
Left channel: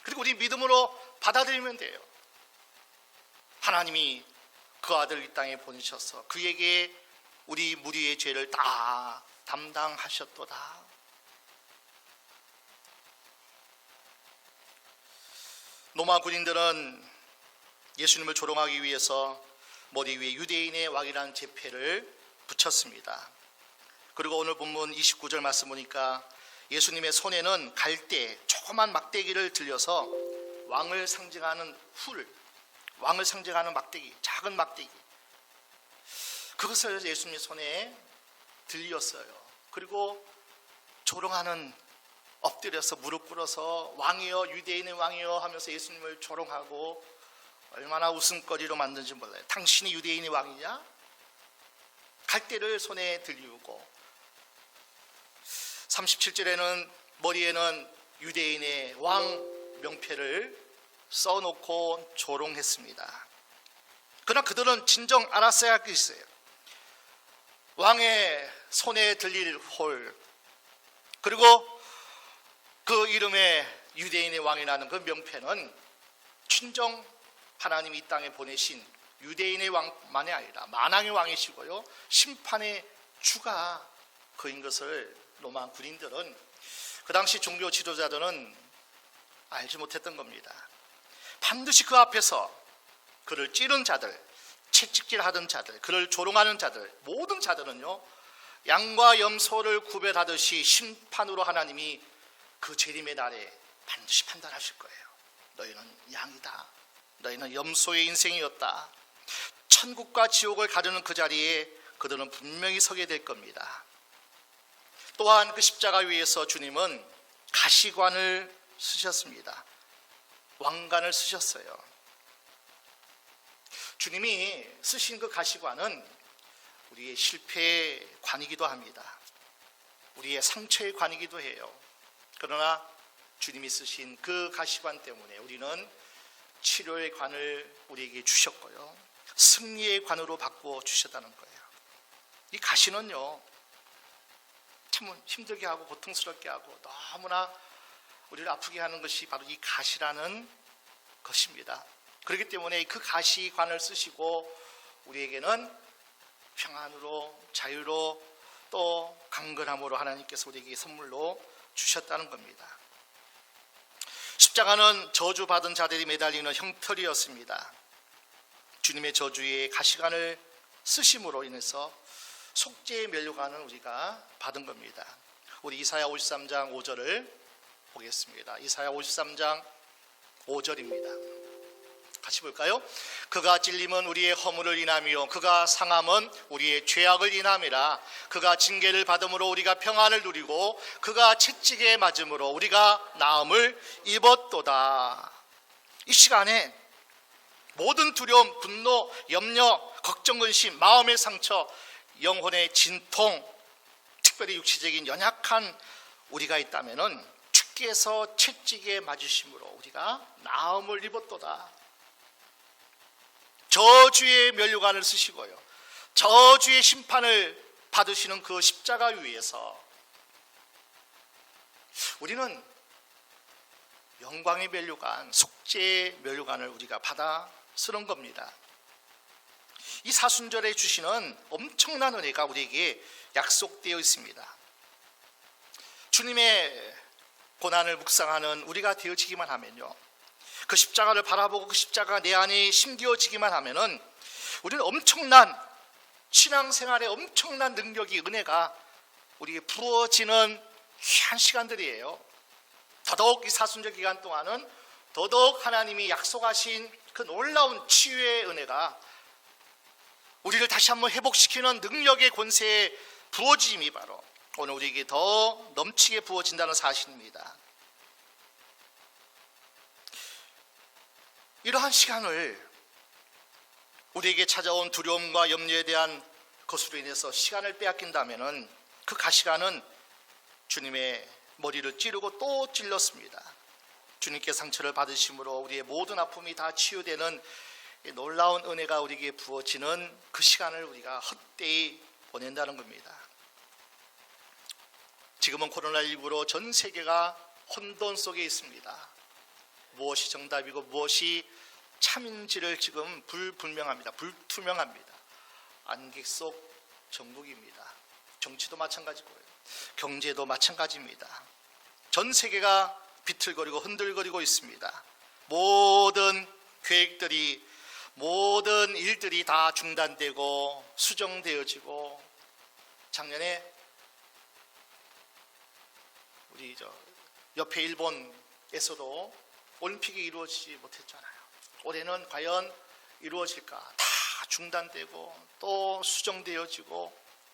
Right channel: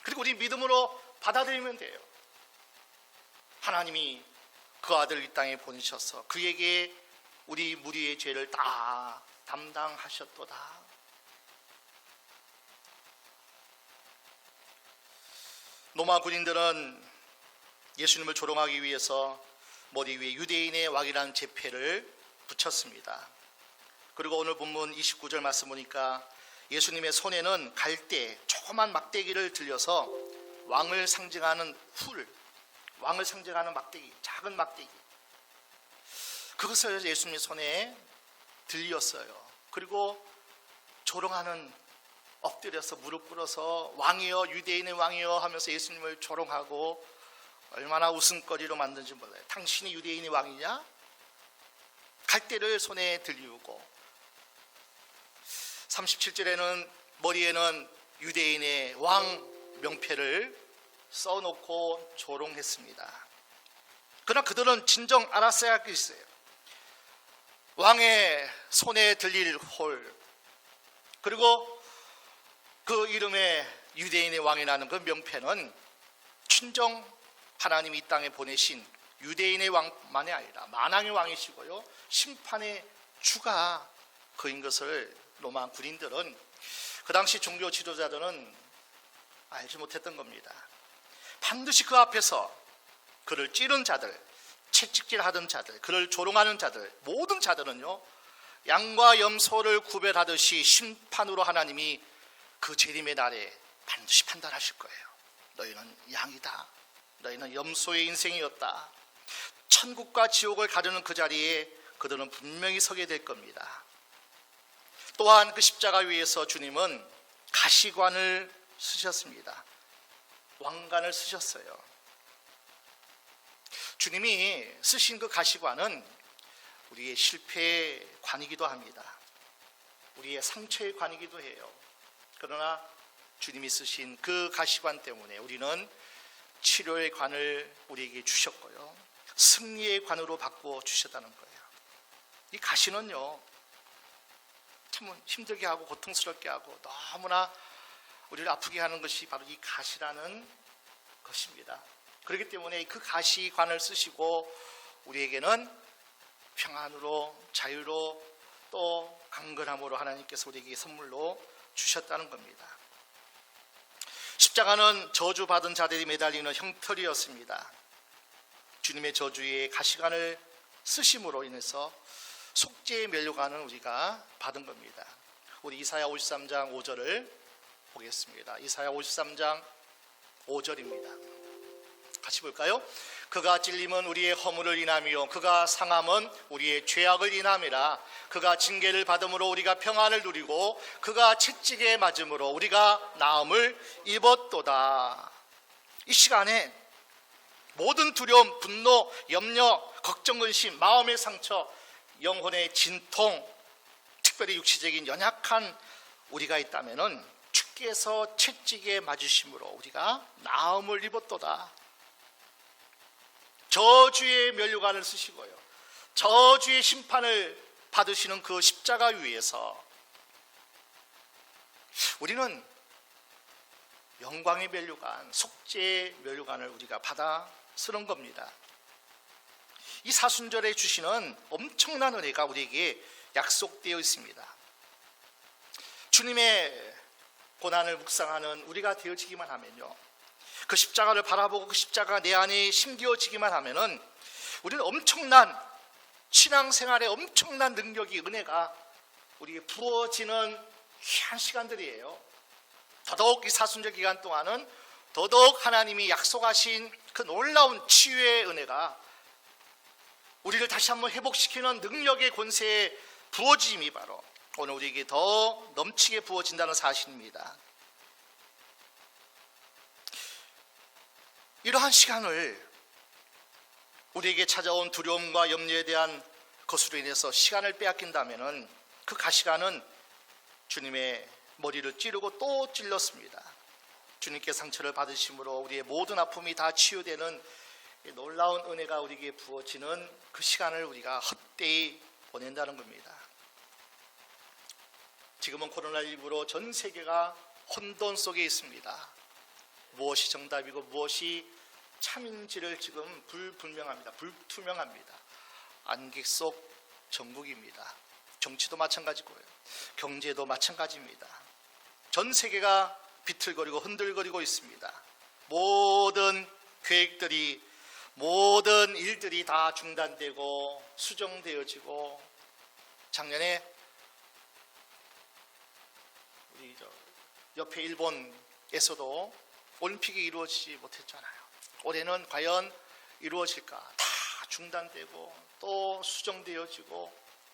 그리고 우리 믿음으로 받아들이면 돼요. 하나님이 그 아들을 이 땅에 보내셔서 그에게 우리 무리의 죄를 다 담당하셨도다. 로마 군인들은 예수님을 조롱하기 위해서 머리 위에 유대인의 왕이라는 제패를 붙였습니다. 그리고 오늘 본문 29절 말씀 보니까 예수님의 손에는 갈대 조그만 막대기를 들려서 왕을 상징하는 왕을 상징하는 막대기, 작은 막대기, 그것을 예수님 손에 들렸어요. 그리고 조롱하는, 엎드려서 무릎 꿇어서 왕이여, 유대인의 왕이여 하면서 예수님을 조롱하고 얼마나 웃음거리로 만든지 몰라요. 당신이 유대인의 왕이냐? 갈대를 손에 들리우고, 37절에는 머리에는 유대인의 왕 명패를 써놓고 조롱했습니다. 그러나 그들은 진정 알았어야 할 게 있어요. 왕의 손에 들릴 홀, 그리고 그 이름의 유대인의 왕이라는 그 명패는 진정 하나님이 이 땅에 보내신 유대인의 왕만이 아니라 만왕의 왕이시고요, 심판의 주가 그인 것을 로마 군인들은, 그 당시 종교 지도자들은 알지 못했던 겁니다. 반드시 그 앞에서 그를 찌른 자들, 채찍질하던 자들, 그를 조롱하는 자들, 모든 자들은요, 양과 염소를 구별하듯이 심판으로 하나님이 그 재림의 날에 반드시 판단하실 거예요. 너희는 양이다, 너희는 염소의 인생이었다. 천국과 지옥을 가르는 그 자리에 그들은 분명히 서게 될 겁니다. 또한 그 십자가 위에서 주님은 가시관을 쓰셨습니다. 왕관을 쓰셨어요. 주님이 쓰신 그 가시관은 우리의 실패의 관이기도 합니다. 우리의 상처의 관이기도 해요. 그러나 주님이 쓰신 그 가시관 때문에 우리는 치료의 관을 우리에게 주셨고요, 승리의 관으로 바꾸어 주셨다는 거예요. 이 가시는요, 참 힘들게 하고 고통스럽게 하고 너무나 우리를 아프게 하는 것이 바로 이 가시라는 것입니다. 그렇기 때문에 그 가시관을 쓰시고 우리에게는 평안으로, 자유로, 또 강건함으로 하나님께서 우리에게 선물로 주셨다는 겁니다. 십자가는 저주받은 자들이 매달리는 형틀이었습니다. 주님의 저주에 가시관을 쓰심으로 인해서 속죄의 면류관을 우리가 받은 겁니다. 우리 이사야 53장 5절을 보겠습니다. 이사야 53장 5절입니다. 같이 볼까요? 그가 찔림은 우리의 허물을 인하며 그가 상함은 우리의 죄악을 인함이라. 그가 징계를 받음으로 우리가 평안을 누리고 그가 채찍에 맞음으로 우리가 나음을 입었도다. 이 시간에 모든 두려움, 분노, 염려, 걱정, 근심, 마음의 상처, 영혼의 진통, 특별히 육체적인 연약한 우리가 있다면은 주께서 채찍에 맞으심으로 우리가 나음을 입었도다. 저주의 면류관을 쓰시고요, 저주의 심판을 받으시는 그 십자가 위에서 우리는 영광의 면류관, 속죄의 면류관을 우리가 받아 쓰는 겁니다. 이 사순절에 주시는 엄청난 은혜가 우리에게 약속되어 있습니다. 주님의 고난을 묵상하는 우리가 되어지기만 하면요, 그 십자가를 바라보고 그 십자가가 내 안에 심겨지기만 하면은 우리는 엄청난 신앙생활에 엄청난 능력이, 은혜가 우리에게 부어지는 귀한 시간들이에요. 더더욱 이 사순절 기간 동안은 더더욱 하나님이 약속하신 그 놀라운 치유의 은혜가 우리를 다시 한번 회복시키는 능력의 권세에 부어짐이 바로 오늘 우리에게 더 넘치게 부어진다는 사실입니다. 이러한 시간을, 우리에게 찾아온 두려움과 염려에 대한 그것으로 인해서 시간을 빼앗긴다면은 그 가시관은 주님의 머리를 찌르고 또 찔렀습니다. 주님께 상처를 받으심으로 우리의 모든 아픔이 다 치유되는 놀라운 은혜가 우리에게 부어지는 그 시간을 우리가 헛되이 보낸다는 겁니다. 지금은 코로나19로 전 세계가 혼돈 속에 있습니다. 무엇이 정답이고 무엇이 참인지를 지금 불분명합니다. 불투명합니다. 안개 속 정국입니다. 정치도 마찬가지고요. 경제도 마찬가지입니다. 전 세계가 비틀거리고 흔들거리고 있습니다. 모든 계획들이, 모든 일들이 다 중단되고 수정되어지고, 작년에 우리 옆에 일본에서도 올림픽이 이루어지지 못했잖아요. 올해는 과연 이루어질까? 다 중단되고 또 수정되어지고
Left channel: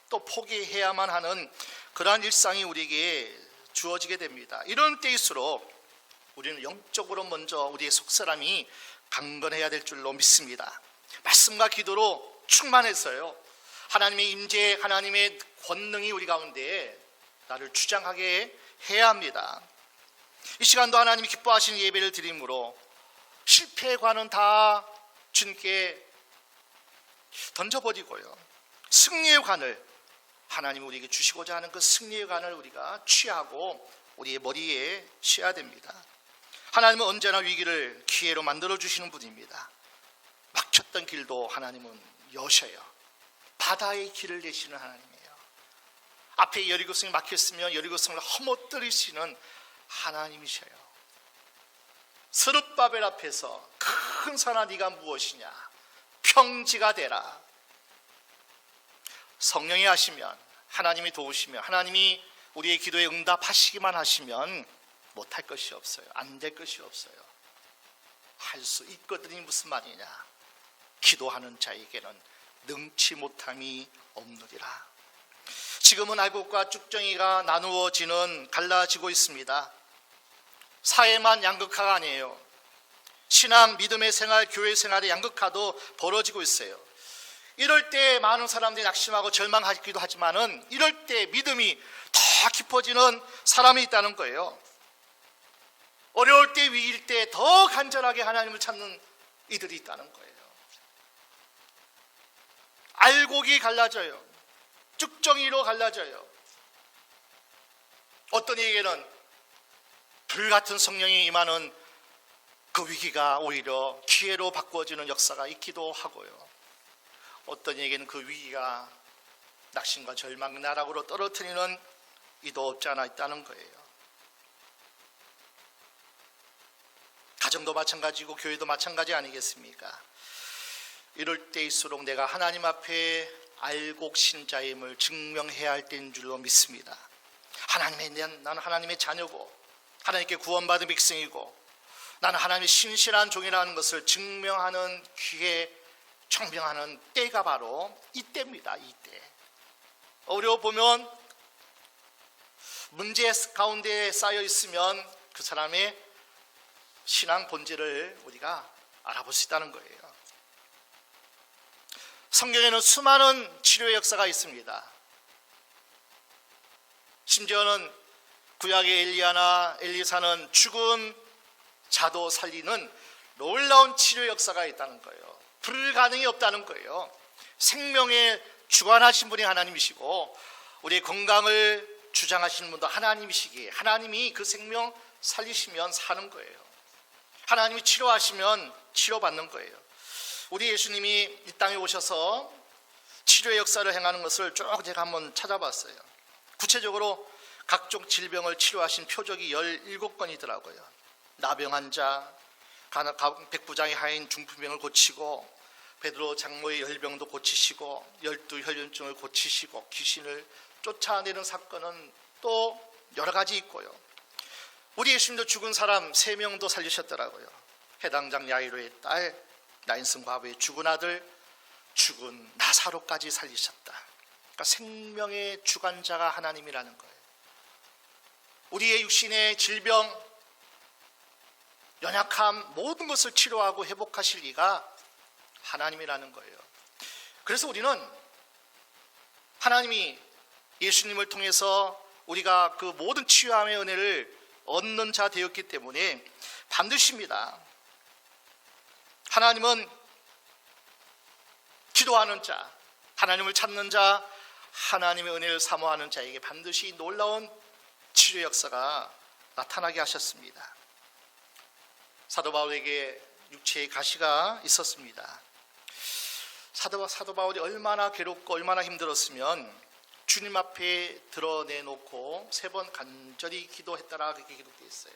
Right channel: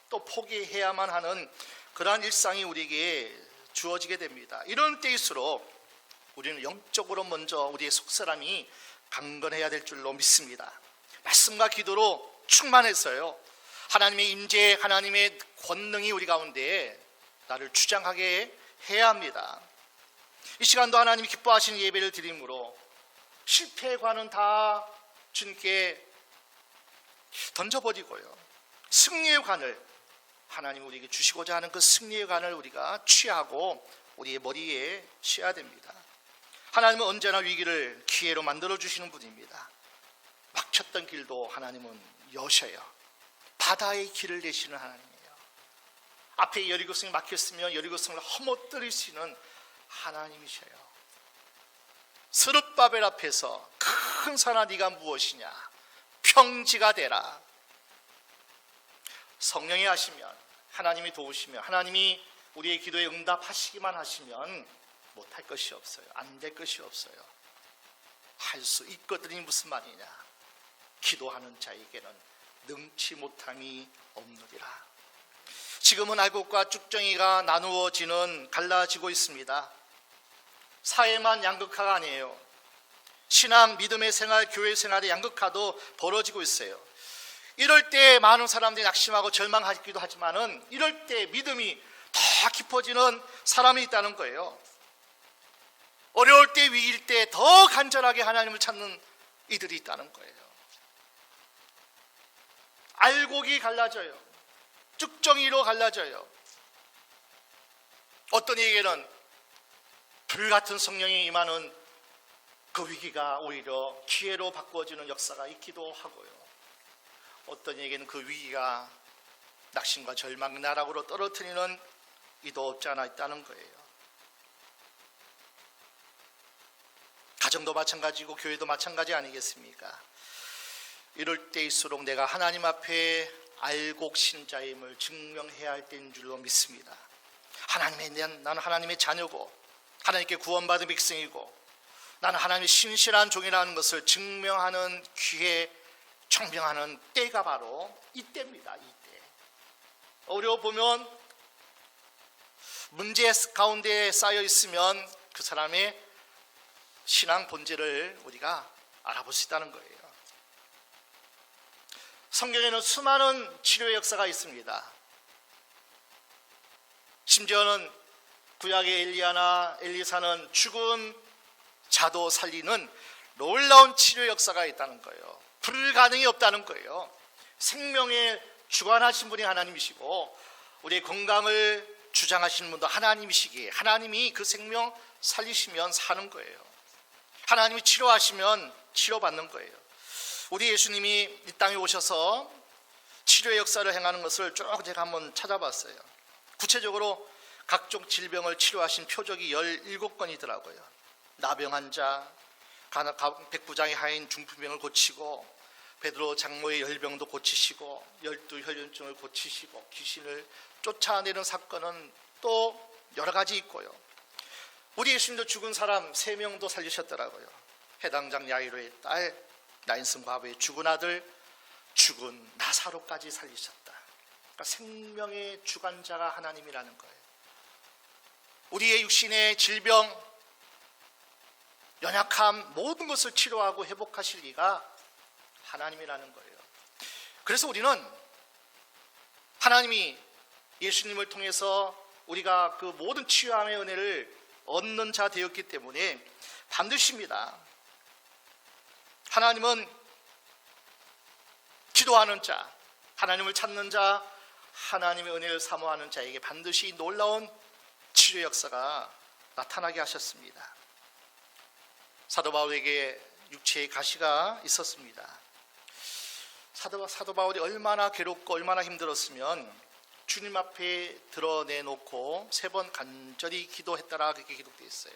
또 포기해야만 하는 그러한 일상이 우리에게 주어지게 됩니다. 이런 때일수록 우리는 영적으로 먼저 우리의 속사람이 강건해야 될 줄로 믿습니다. 말씀과 기도로 충만해서요, 하나님의 임재, 하나님의 권능이 우리 가운데 나를 주장하게 해야 합니다. 이 시간도 하나님이 기뻐하시는 예배를 드림으로 실패의 관은 다 주님께 던져버리고요, 승리의 관을 하나님 우리에게 주시고자 하는 그 승리의 관을 우리가 취하고 우리의 머리에 씌워야 됩니다. 하나님은 언제나 위기를 기회로 만들어 주시는 분입니다. 막혔던 길도 하나님은 여셔요. 바다의 길을 내시는 하나님이에요. 앞에 여리고성이 막혔으면 여리고성을 허물뜨리시는 하나님이셔요. 스룹바벨 앞에서 큰 산아 네가 무엇이냐, 평지가 되라. 성령이 하시면, 하나님이 도우시면, 하나님이 우리의 기도에 응답하시기만 하시면 못할 것이 없어요. 안 될 것이 없어요. 할 수 있거든이 무슨 말이냐, 기도하는 자에게는 능치 못함이 없느니라. 지금은 알곡과 쭉정이가 나누어지는, 갈라지고 있습니다. 사회만 양극화가 아니에요. 신앙, 믿음의 생활, 교회 생활의 양극화도 벌어지고 있어요. 이럴 때 많은 사람들이 낙심하고 절망하기도 하지만은, 이럴 때 믿음이 더 깊어지는 사람이 있다는 거예요. 어려울 때, 위기일 때 더 간절하게 하나님을 찾는 이들이 있다는 거예요. 알곡이 갈라져요. 쭉정이로 갈라져요. 어떤 이에게는 불같은 성령이 임하는 그 위기가 오히려 기회로 바꾸어지는 역사가 있기도 하고요. 어떤 이에게는 그 위기가 낙심과 절망, 나락으로 떨어뜨리는 이도 없지 않아 있다는 거예요. 가정도 마찬가지고 교회도 마찬가지 아니겠습니까? 이럴 때일수록 내가 하나님 앞에 알곡 신자임을 증명해야 할 때인 줄로 믿습니다. 나는 하나님의 자녀고 하나님께 구원받은 백성이고 나는 하나님의 신실한 종이라는 것을 증명하는 기회, 청명하는 때가 바로 이때입니다. 이때. 어려워보면, 문제 가운데 쌓여 있으면 그 사람의 신앙 본질을 우리가 알아볼 수 있다는 거예요. 성경에는 수많은 치료의 역사가 있습니다. 심지어는 구약의 엘리야나 엘리사는 죽은 자도 살리는 놀라운 치료 역사가 있다는 거예요. 불가능이 없다는 거예요. 생명에 주관하신 분이 하나님이시고 우리의 건강을 주장하시는 분도 하나님이시기에 하나님이 그 생명 살리시면 사는 거예요. 하나님이 치료하시면 치료받는 거예요. 우리 예수님이 이 땅에 오셔서 치료의 역사를 행하는 것을 쭉 제가 한번 찾아봤어요. 구체적으로 각종 질병을 치료하신 표적이 17건이더라고요. 나병한 자, 백부장의 하인 중풍병을 고치고, 베드로 장모의 열병도 고치시고, 12혈련증을 고치시고, 귀신을 쫓아내는 사건은 또 여러 가지 있고요. 우리 예수님도 죽은 사람 3명도 살리셨더라고요. 해당장 야이로의 딸, 나인슨 과부의 죽은 아들, 죽은 나사로까지 살리셨다. 그러니까 생명의 주관자가 하나님이라는 거예요. 우리의 육신의 질병, 연약함, 모든 것을 치료하고 회복하실 이가 하나님이라는 거예요. 그래서 우리는 하나님이 예수님을 통해서 우리가 그 모든 치유함의 은혜를 얻는 자 되었기 때문에 반드시입니다. 하나님은 기도하는 자, 하나님을 찾는 자, 하나님의 은혜를 사모하는 자에게 반드시 놀라운 치료 역사가 나타나게 하셨습니다. 사도 바울에게 육체의 가시가 있었습니다. 사도 바울이 얼마나 괴롭고 얼마나 힘들었으면 주님 앞에 드러내놓고 3번 간절히 기도했다라 그렇게 기록되어 있어요.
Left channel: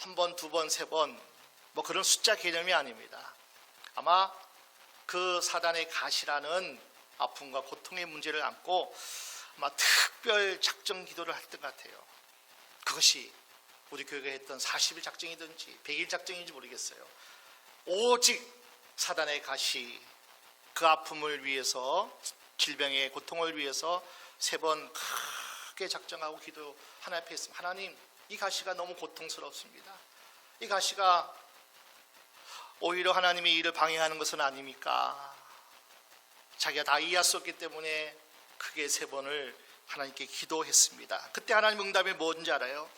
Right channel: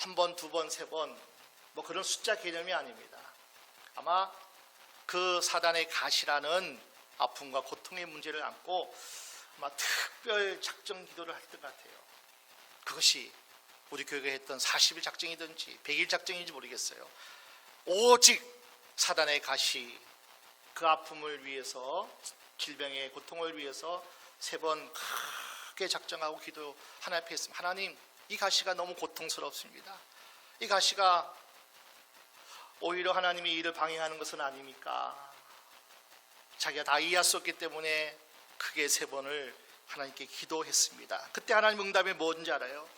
1번, 2번, 3번 뭐 그런 숫자 개념이 아닙니다. 아마 그 사단의 가시라는 아픔과 고통의 문제를 안고 아마 특별 작정 기도를 했던 것 같아요. 그것이 우리 교회가 했던 40일 작정이든지 100일 작정인지 모르겠어요. 오직 사단의 가시, 그 아픔을 위해서, 질병의 고통을 위해서 3번 크게 작정하고 기도 하나님 앞에 했습니다. 하나님, 이 가시가 너무 고통스럽습니다. 이 가시가 오히려 하나님의 일을 방해하는 것은 아닙니까? 자기가 다 이해할 수 없기 때문에 크게 3번을 하나님께 기도했습니다. 그때 하나님 응답이 뭔지 알아요?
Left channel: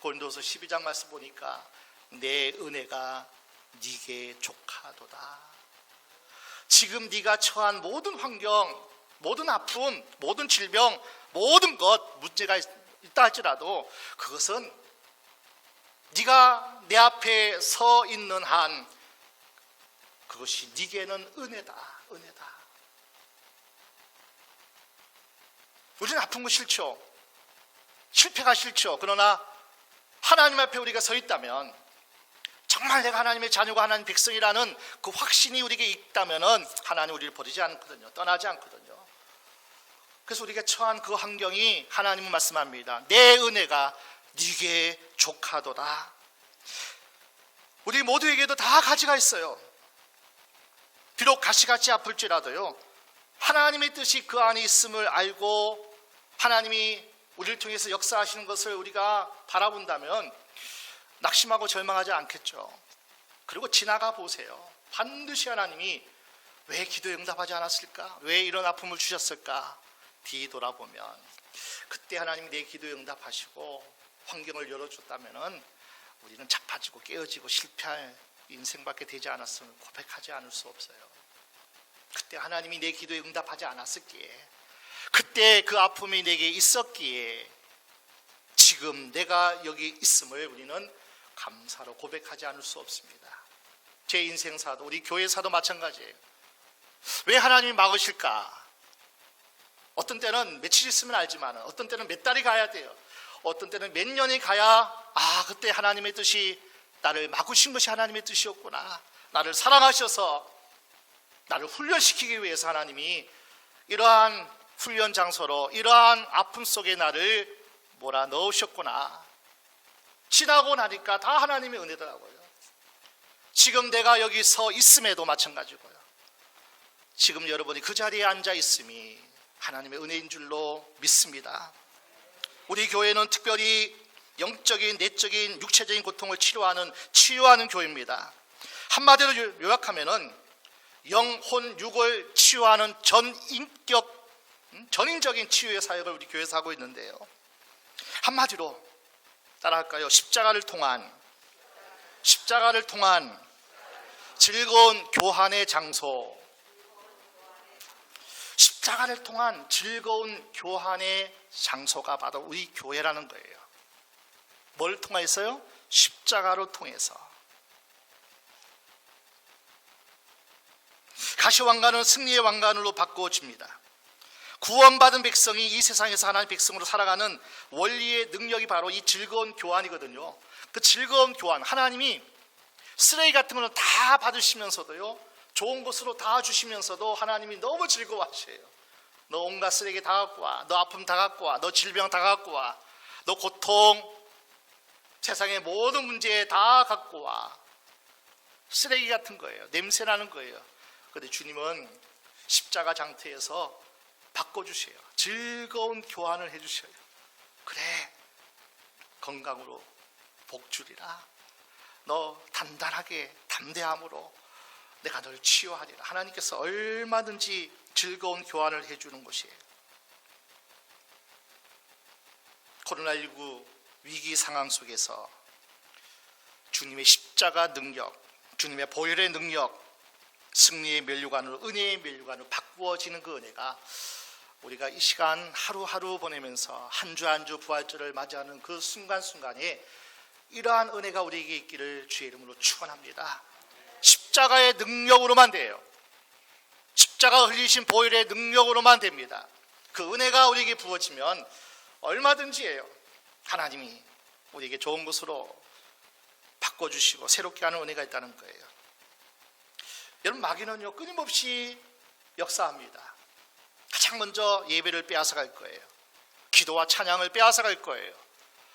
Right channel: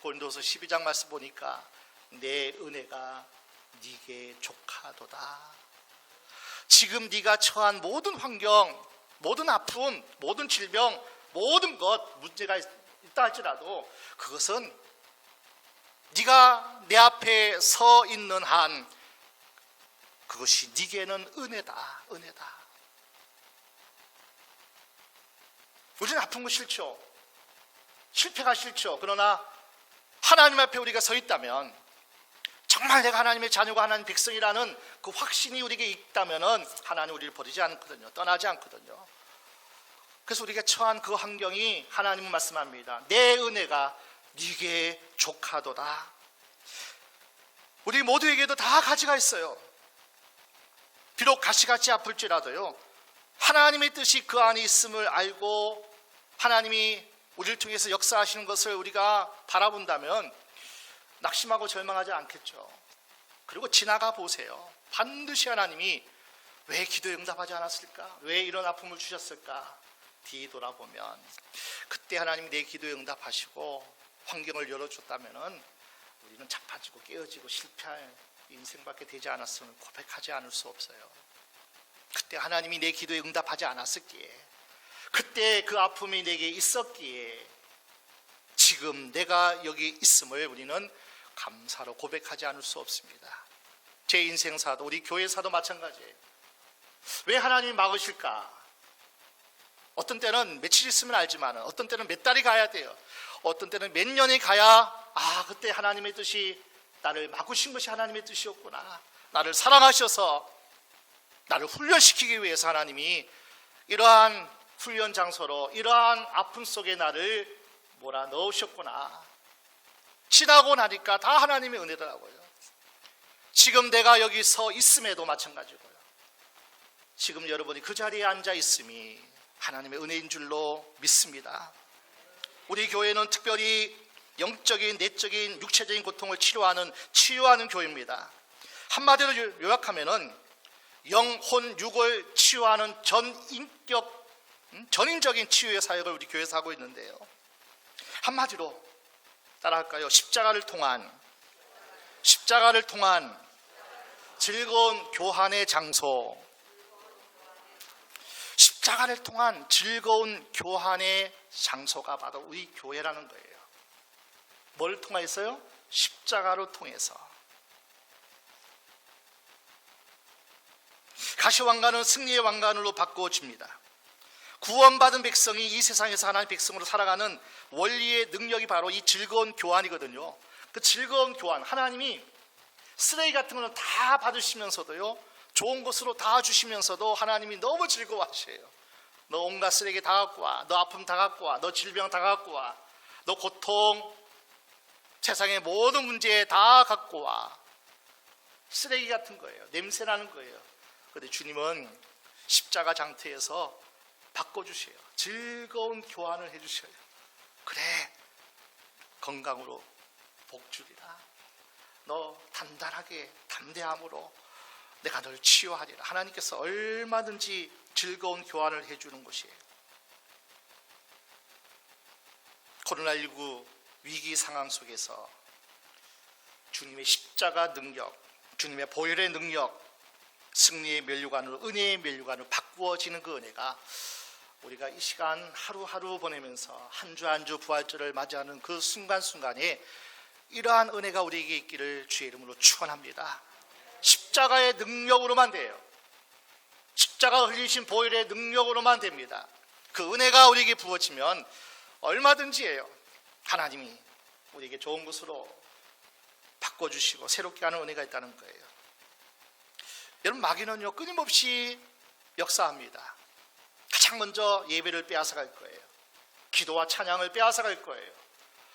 고린도서 12장 말씀 보니까 내 은혜가 네게 족하도다. 지금 네가 처한 모든 환경, 모든 아픔, 모든 질병, 모든 것 문제가 있다 할지라도 그것은 네가 내 앞에 서 있는 한 그것이 네게는 은혜다. 은혜다. 우리는 아픈 거 싫죠. 실패가 싫죠. 그러나 하나님 앞에 우리가 서 있다면, 정말 내가 하나님의 자녀가 하나님 백성이라는 그 확신이 우리에게 있다면 하나님 우리를 버리지 않거든요. 떠나지 않거든요. 그래서 우리가 처한 그 환경이 하나님은 말씀합니다. 내 은혜가 네게 족하도다. 우리 모두에게도 다 가지가 있어요. 비록 가시같이 아플지라도요, 하나님의 뜻이 그 안에 있음을 알고 하나님이 우리를 통해서 역사하시는 것을 우리가 바라본다면 낙심하고 절망하지 않겠죠. 그리고 지나가 보세요. 반드시 하나님이 왜 기도에 응답하지 않았을까? 왜 이런 아픔을 주셨을까? 뒤돌아보면 그때 하나님이 내 기도에 응답하시고 환경을 열어줬다면 우리는 자빠지고 깨어지고 실패할 인생밖에 되지 않았으면 고백하지 않을 수 없어요. 그때 하나님이 내 기도에 응답하지 않았었기에, 그때 그 아픔이 내게 있었기에 지금 내가 여기 있음을 우리는 감사로 고백하지 않을 수 없습니다. 제 인생사도, 우리 교회사도 마찬가지예요. 왜 하나님이 막으실까? 어떤 때는 며칠 있으면 알지만 어떤 때는 몇 달이 가야 돼요. 어떤 때는 몇 년이 가야 그때 하나님의 뜻이 나를 막으신 것이 하나님의 뜻이었구나. 나를 사랑하셔서 나를 훈련시키기 위해서 하나님이 이러한 훈련 장소로 이러한 아픔 속에 나를 몰아넣으셨구나. 지나고 나니까 다 하나님의 은혜더라고요. 지금 내가 여기 서 있음에도 마찬가지고요. 지금 여러분이 그 자리에 앉아 있음이 하나님의 은혜인 줄로 믿습니다. 우리 교회는 특별히 영적인, 내적인, 육체적인 고통을 치유하는 교회입니다. 한마디로 요약하면은 영혼, 육을 치유하는 전인적인 치유의 사역을 우리 교회에서 하고 있는데요. 한마디로 따라할까요? 십자가를 통한 즐거운 교환의 장소. 십자가를 통한 즐거운 교환의 장소가 바로 우리 교회라는 거예요. 뭘 통해서요? 십자가로 통해서. 가시왕관은 승리의 왕관으로 바꿔집니다. 구원받은 백성이 이 세상에서 하나님의 백성으로 살아가는 원리의 능력이 바로 이 즐거운 교환이거든요. 그 즐거운 교환, 하나님이 쓰레기 같은 거는 다 받으시면서도요, 좋은 것으로 다 주시면서도 하나님이 너무 즐거워하셔요. 너 온갖 쓰레기 다 갖고 와, 너 아픔 다 갖고 와, 너 질병 다 갖고 와, 너 고통, 세상의 모든 문제 다 갖고 와. 쓰레기 같은 거예요. 냄새 나는 거예요. 그런데 주님은 십자가 장터에서 바꿔주세요. 즐거운 교환을 해주셔요. 그래, 건강으로 복 주리라. 너 단단하게 담대함으로 내가 널 치유하리라. 하나님께서 얼마든지 즐거운 교환을 해주는 곳이에요. 코로나19 위기 상황 속에서 주님의 십자가 능력, 주님의 보혈의 능력, 승리의 면류관으로, 은혜의 면류관으로 바꾸어지는 그 은혜가 우리가 이 시간 하루하루 보내면서 한 주 한 주 부활절을 맞이하는 그 순간순간에 이러한 은혜가 우리에게 있기를 주의 이름으로 축원합니다. 십자가의 능력으로만 돼요. 십자가 흘리신 보혈의 능력으로만 됩니다. 그 은혜가 우리에게 부어지면 얼마든지 해요. 하나님이 우리에게 좋은 것으로 바꿔주시고 새롭게 하는 은혜가 있다는 거예요. 여러분, 마귀는요 끊임없이 역사합니다. 가장 먼저 예배를 빼앗아갈 거예요. 기도와 찬양을 빼앗아갈 거예요.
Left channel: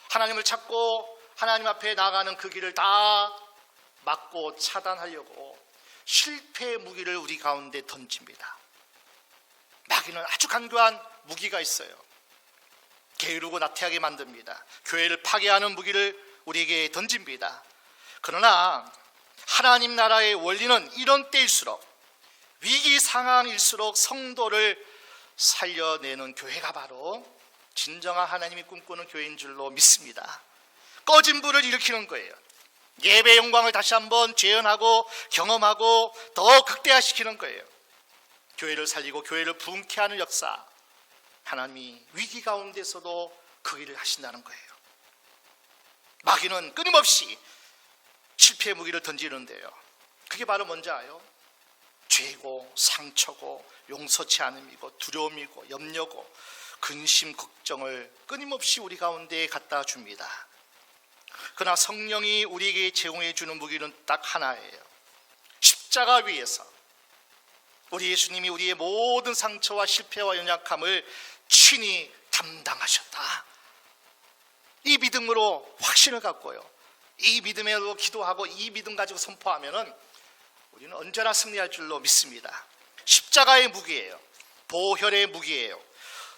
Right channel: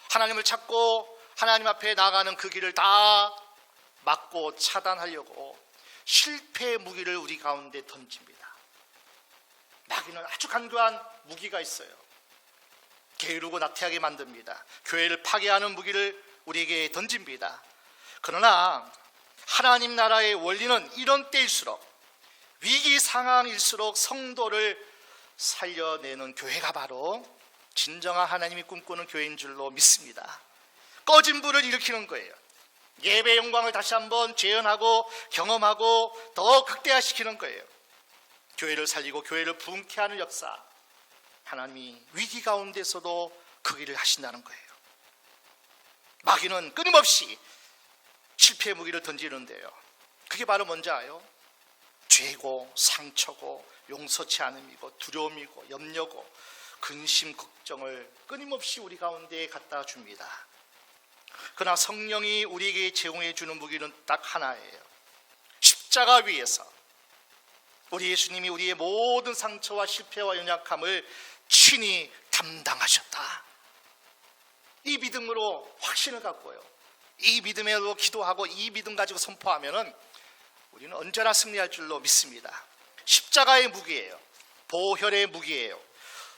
하나님을 찾고 하나님 앞에 나가는 그 길을 다 막고 차단하려고 실패의 무기를 우리 가운데 던집니다. 마귀는 아주 간교한 무기가 있어요. 게으르고 나태하게 만듭니다. 교회를 파괴하는 무기를 우리에게 던집니다. 그러나 하나님 나라의 원리는 이런 때일수록, 위기 상황일수록 성도를 살려내는 교회가 바로 진정한 하나님이 꿈꾸는 교회인 줄로 믿습니다. 꺼진 불을 일으키는 거예요. 예배 영광을 다시 한번 재현하고 경험하고 더 극대화시키는 거예요. 교회를 살리고 교회를 부흥케 하는 역사, 하나님이 위기 가운데서도 그 일을 하신다는 거예요. 마귀는 끊임없이 실패의 무기를 던지는데요, 그게 바로 뭔지 아요? 죄고 상처고 용서치 않음이고 두려움이고 염려고 근심 걱정을 끊임없이 우리 가운데 갖다 줍니다. 그러나 성령이 우리에게 제공해 주는 무기는 딱 하나예요. 십자가 위에서 우리 예수님이 우리의 모든 상처와 실패와 연약함을 친히 담당하셨다. 이 믿음으로 확신을 갖고요, 이 믿음으로 기도하고 이 믿음 가지고 선포하면은 우리는 언제나 승리할 줄로 믿습니다. 십자가의 무기예요. 보혈의 무기예요.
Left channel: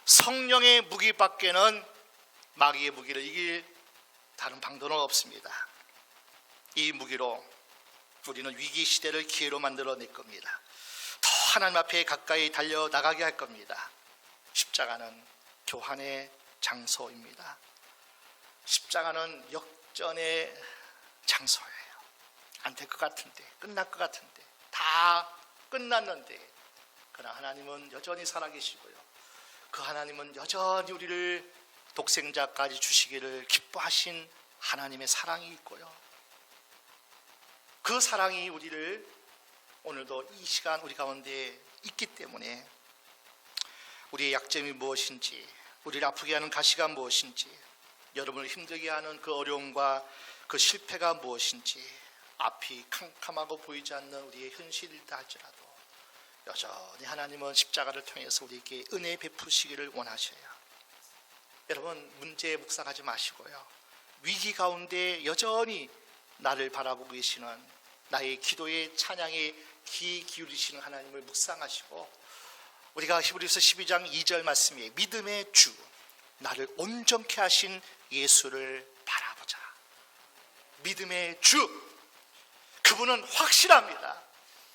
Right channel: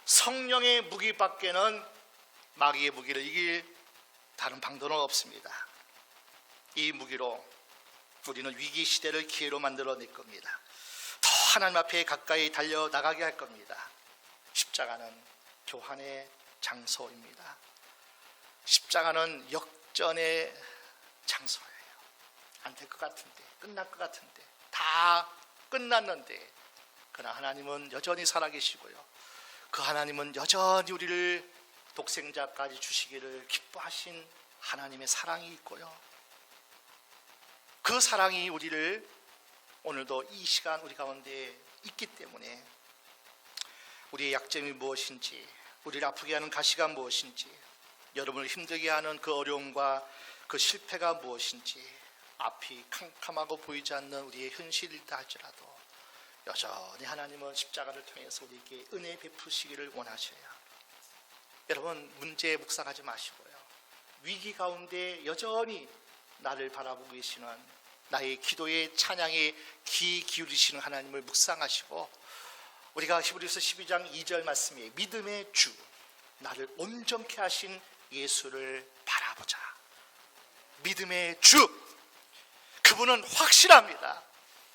성령의 무기밖에는 마귀의 무기를 이길 다른 방도는 없습니다. 이 무기로 우리는 위기 시대를 기회로 만들어낼 겁니다. 더 하나님 앞에 가까이 달려나가게 할 겁니다. 십자가는 교환의 장소입니다. 십자가는 역전의 장소예요. 안 될 것 같은데, 끝날 것 같은데, 다 끝났는데, 그러나 하나님은 여전히 살아계시고요, 그 하나님은 여전히 우리를 독생자까지 주시기를 기뻐하신 하나님의 사랑이 있고요, 그 사랑이 우리를 오늘도 이 시간 우리 가운데 있기 때문에 우리의 약점이 무엇인지, 우리를 아프게 하는 가시가 무엇인지, 여러분을 힘들게 하는 그 어려움과 그 실패가 무엇인지, 앞이 캄캄하고 보이지 않는 우리의 현실이다 할지라도 여전히 하나님은 십자가를 통해서 우리에게 은혜 베푸시기를 원하셔요. 여러분, 문제 묵상하지 마시고요, 위기 가운데 여전히 나를 바라보고 계시는, 나의 기도의 찬양에 귀 기울이시는 하나님을 묵상하시고, 우리가 히브리서 12장 2절 말씀에 믿음의 주, 나를 온전케 하신 예수를 바라보자. 믿음의 주, 그분은 확실합니다.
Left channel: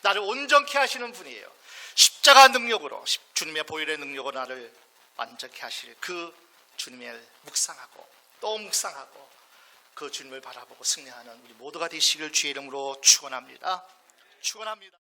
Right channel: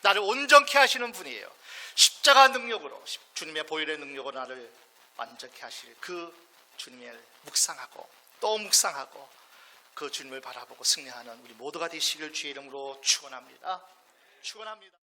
나를 온전케 하시는 분이에요. 십자가 능력으로, 주님의 보혈의 능력으로 나를 완전케 하실 그 주님을 묵상하고 또 묵상하고 그 주님을 바라보고 승리하는 우리 모두가 되시길 주의 이름으로 축원합니다. 축원합니다.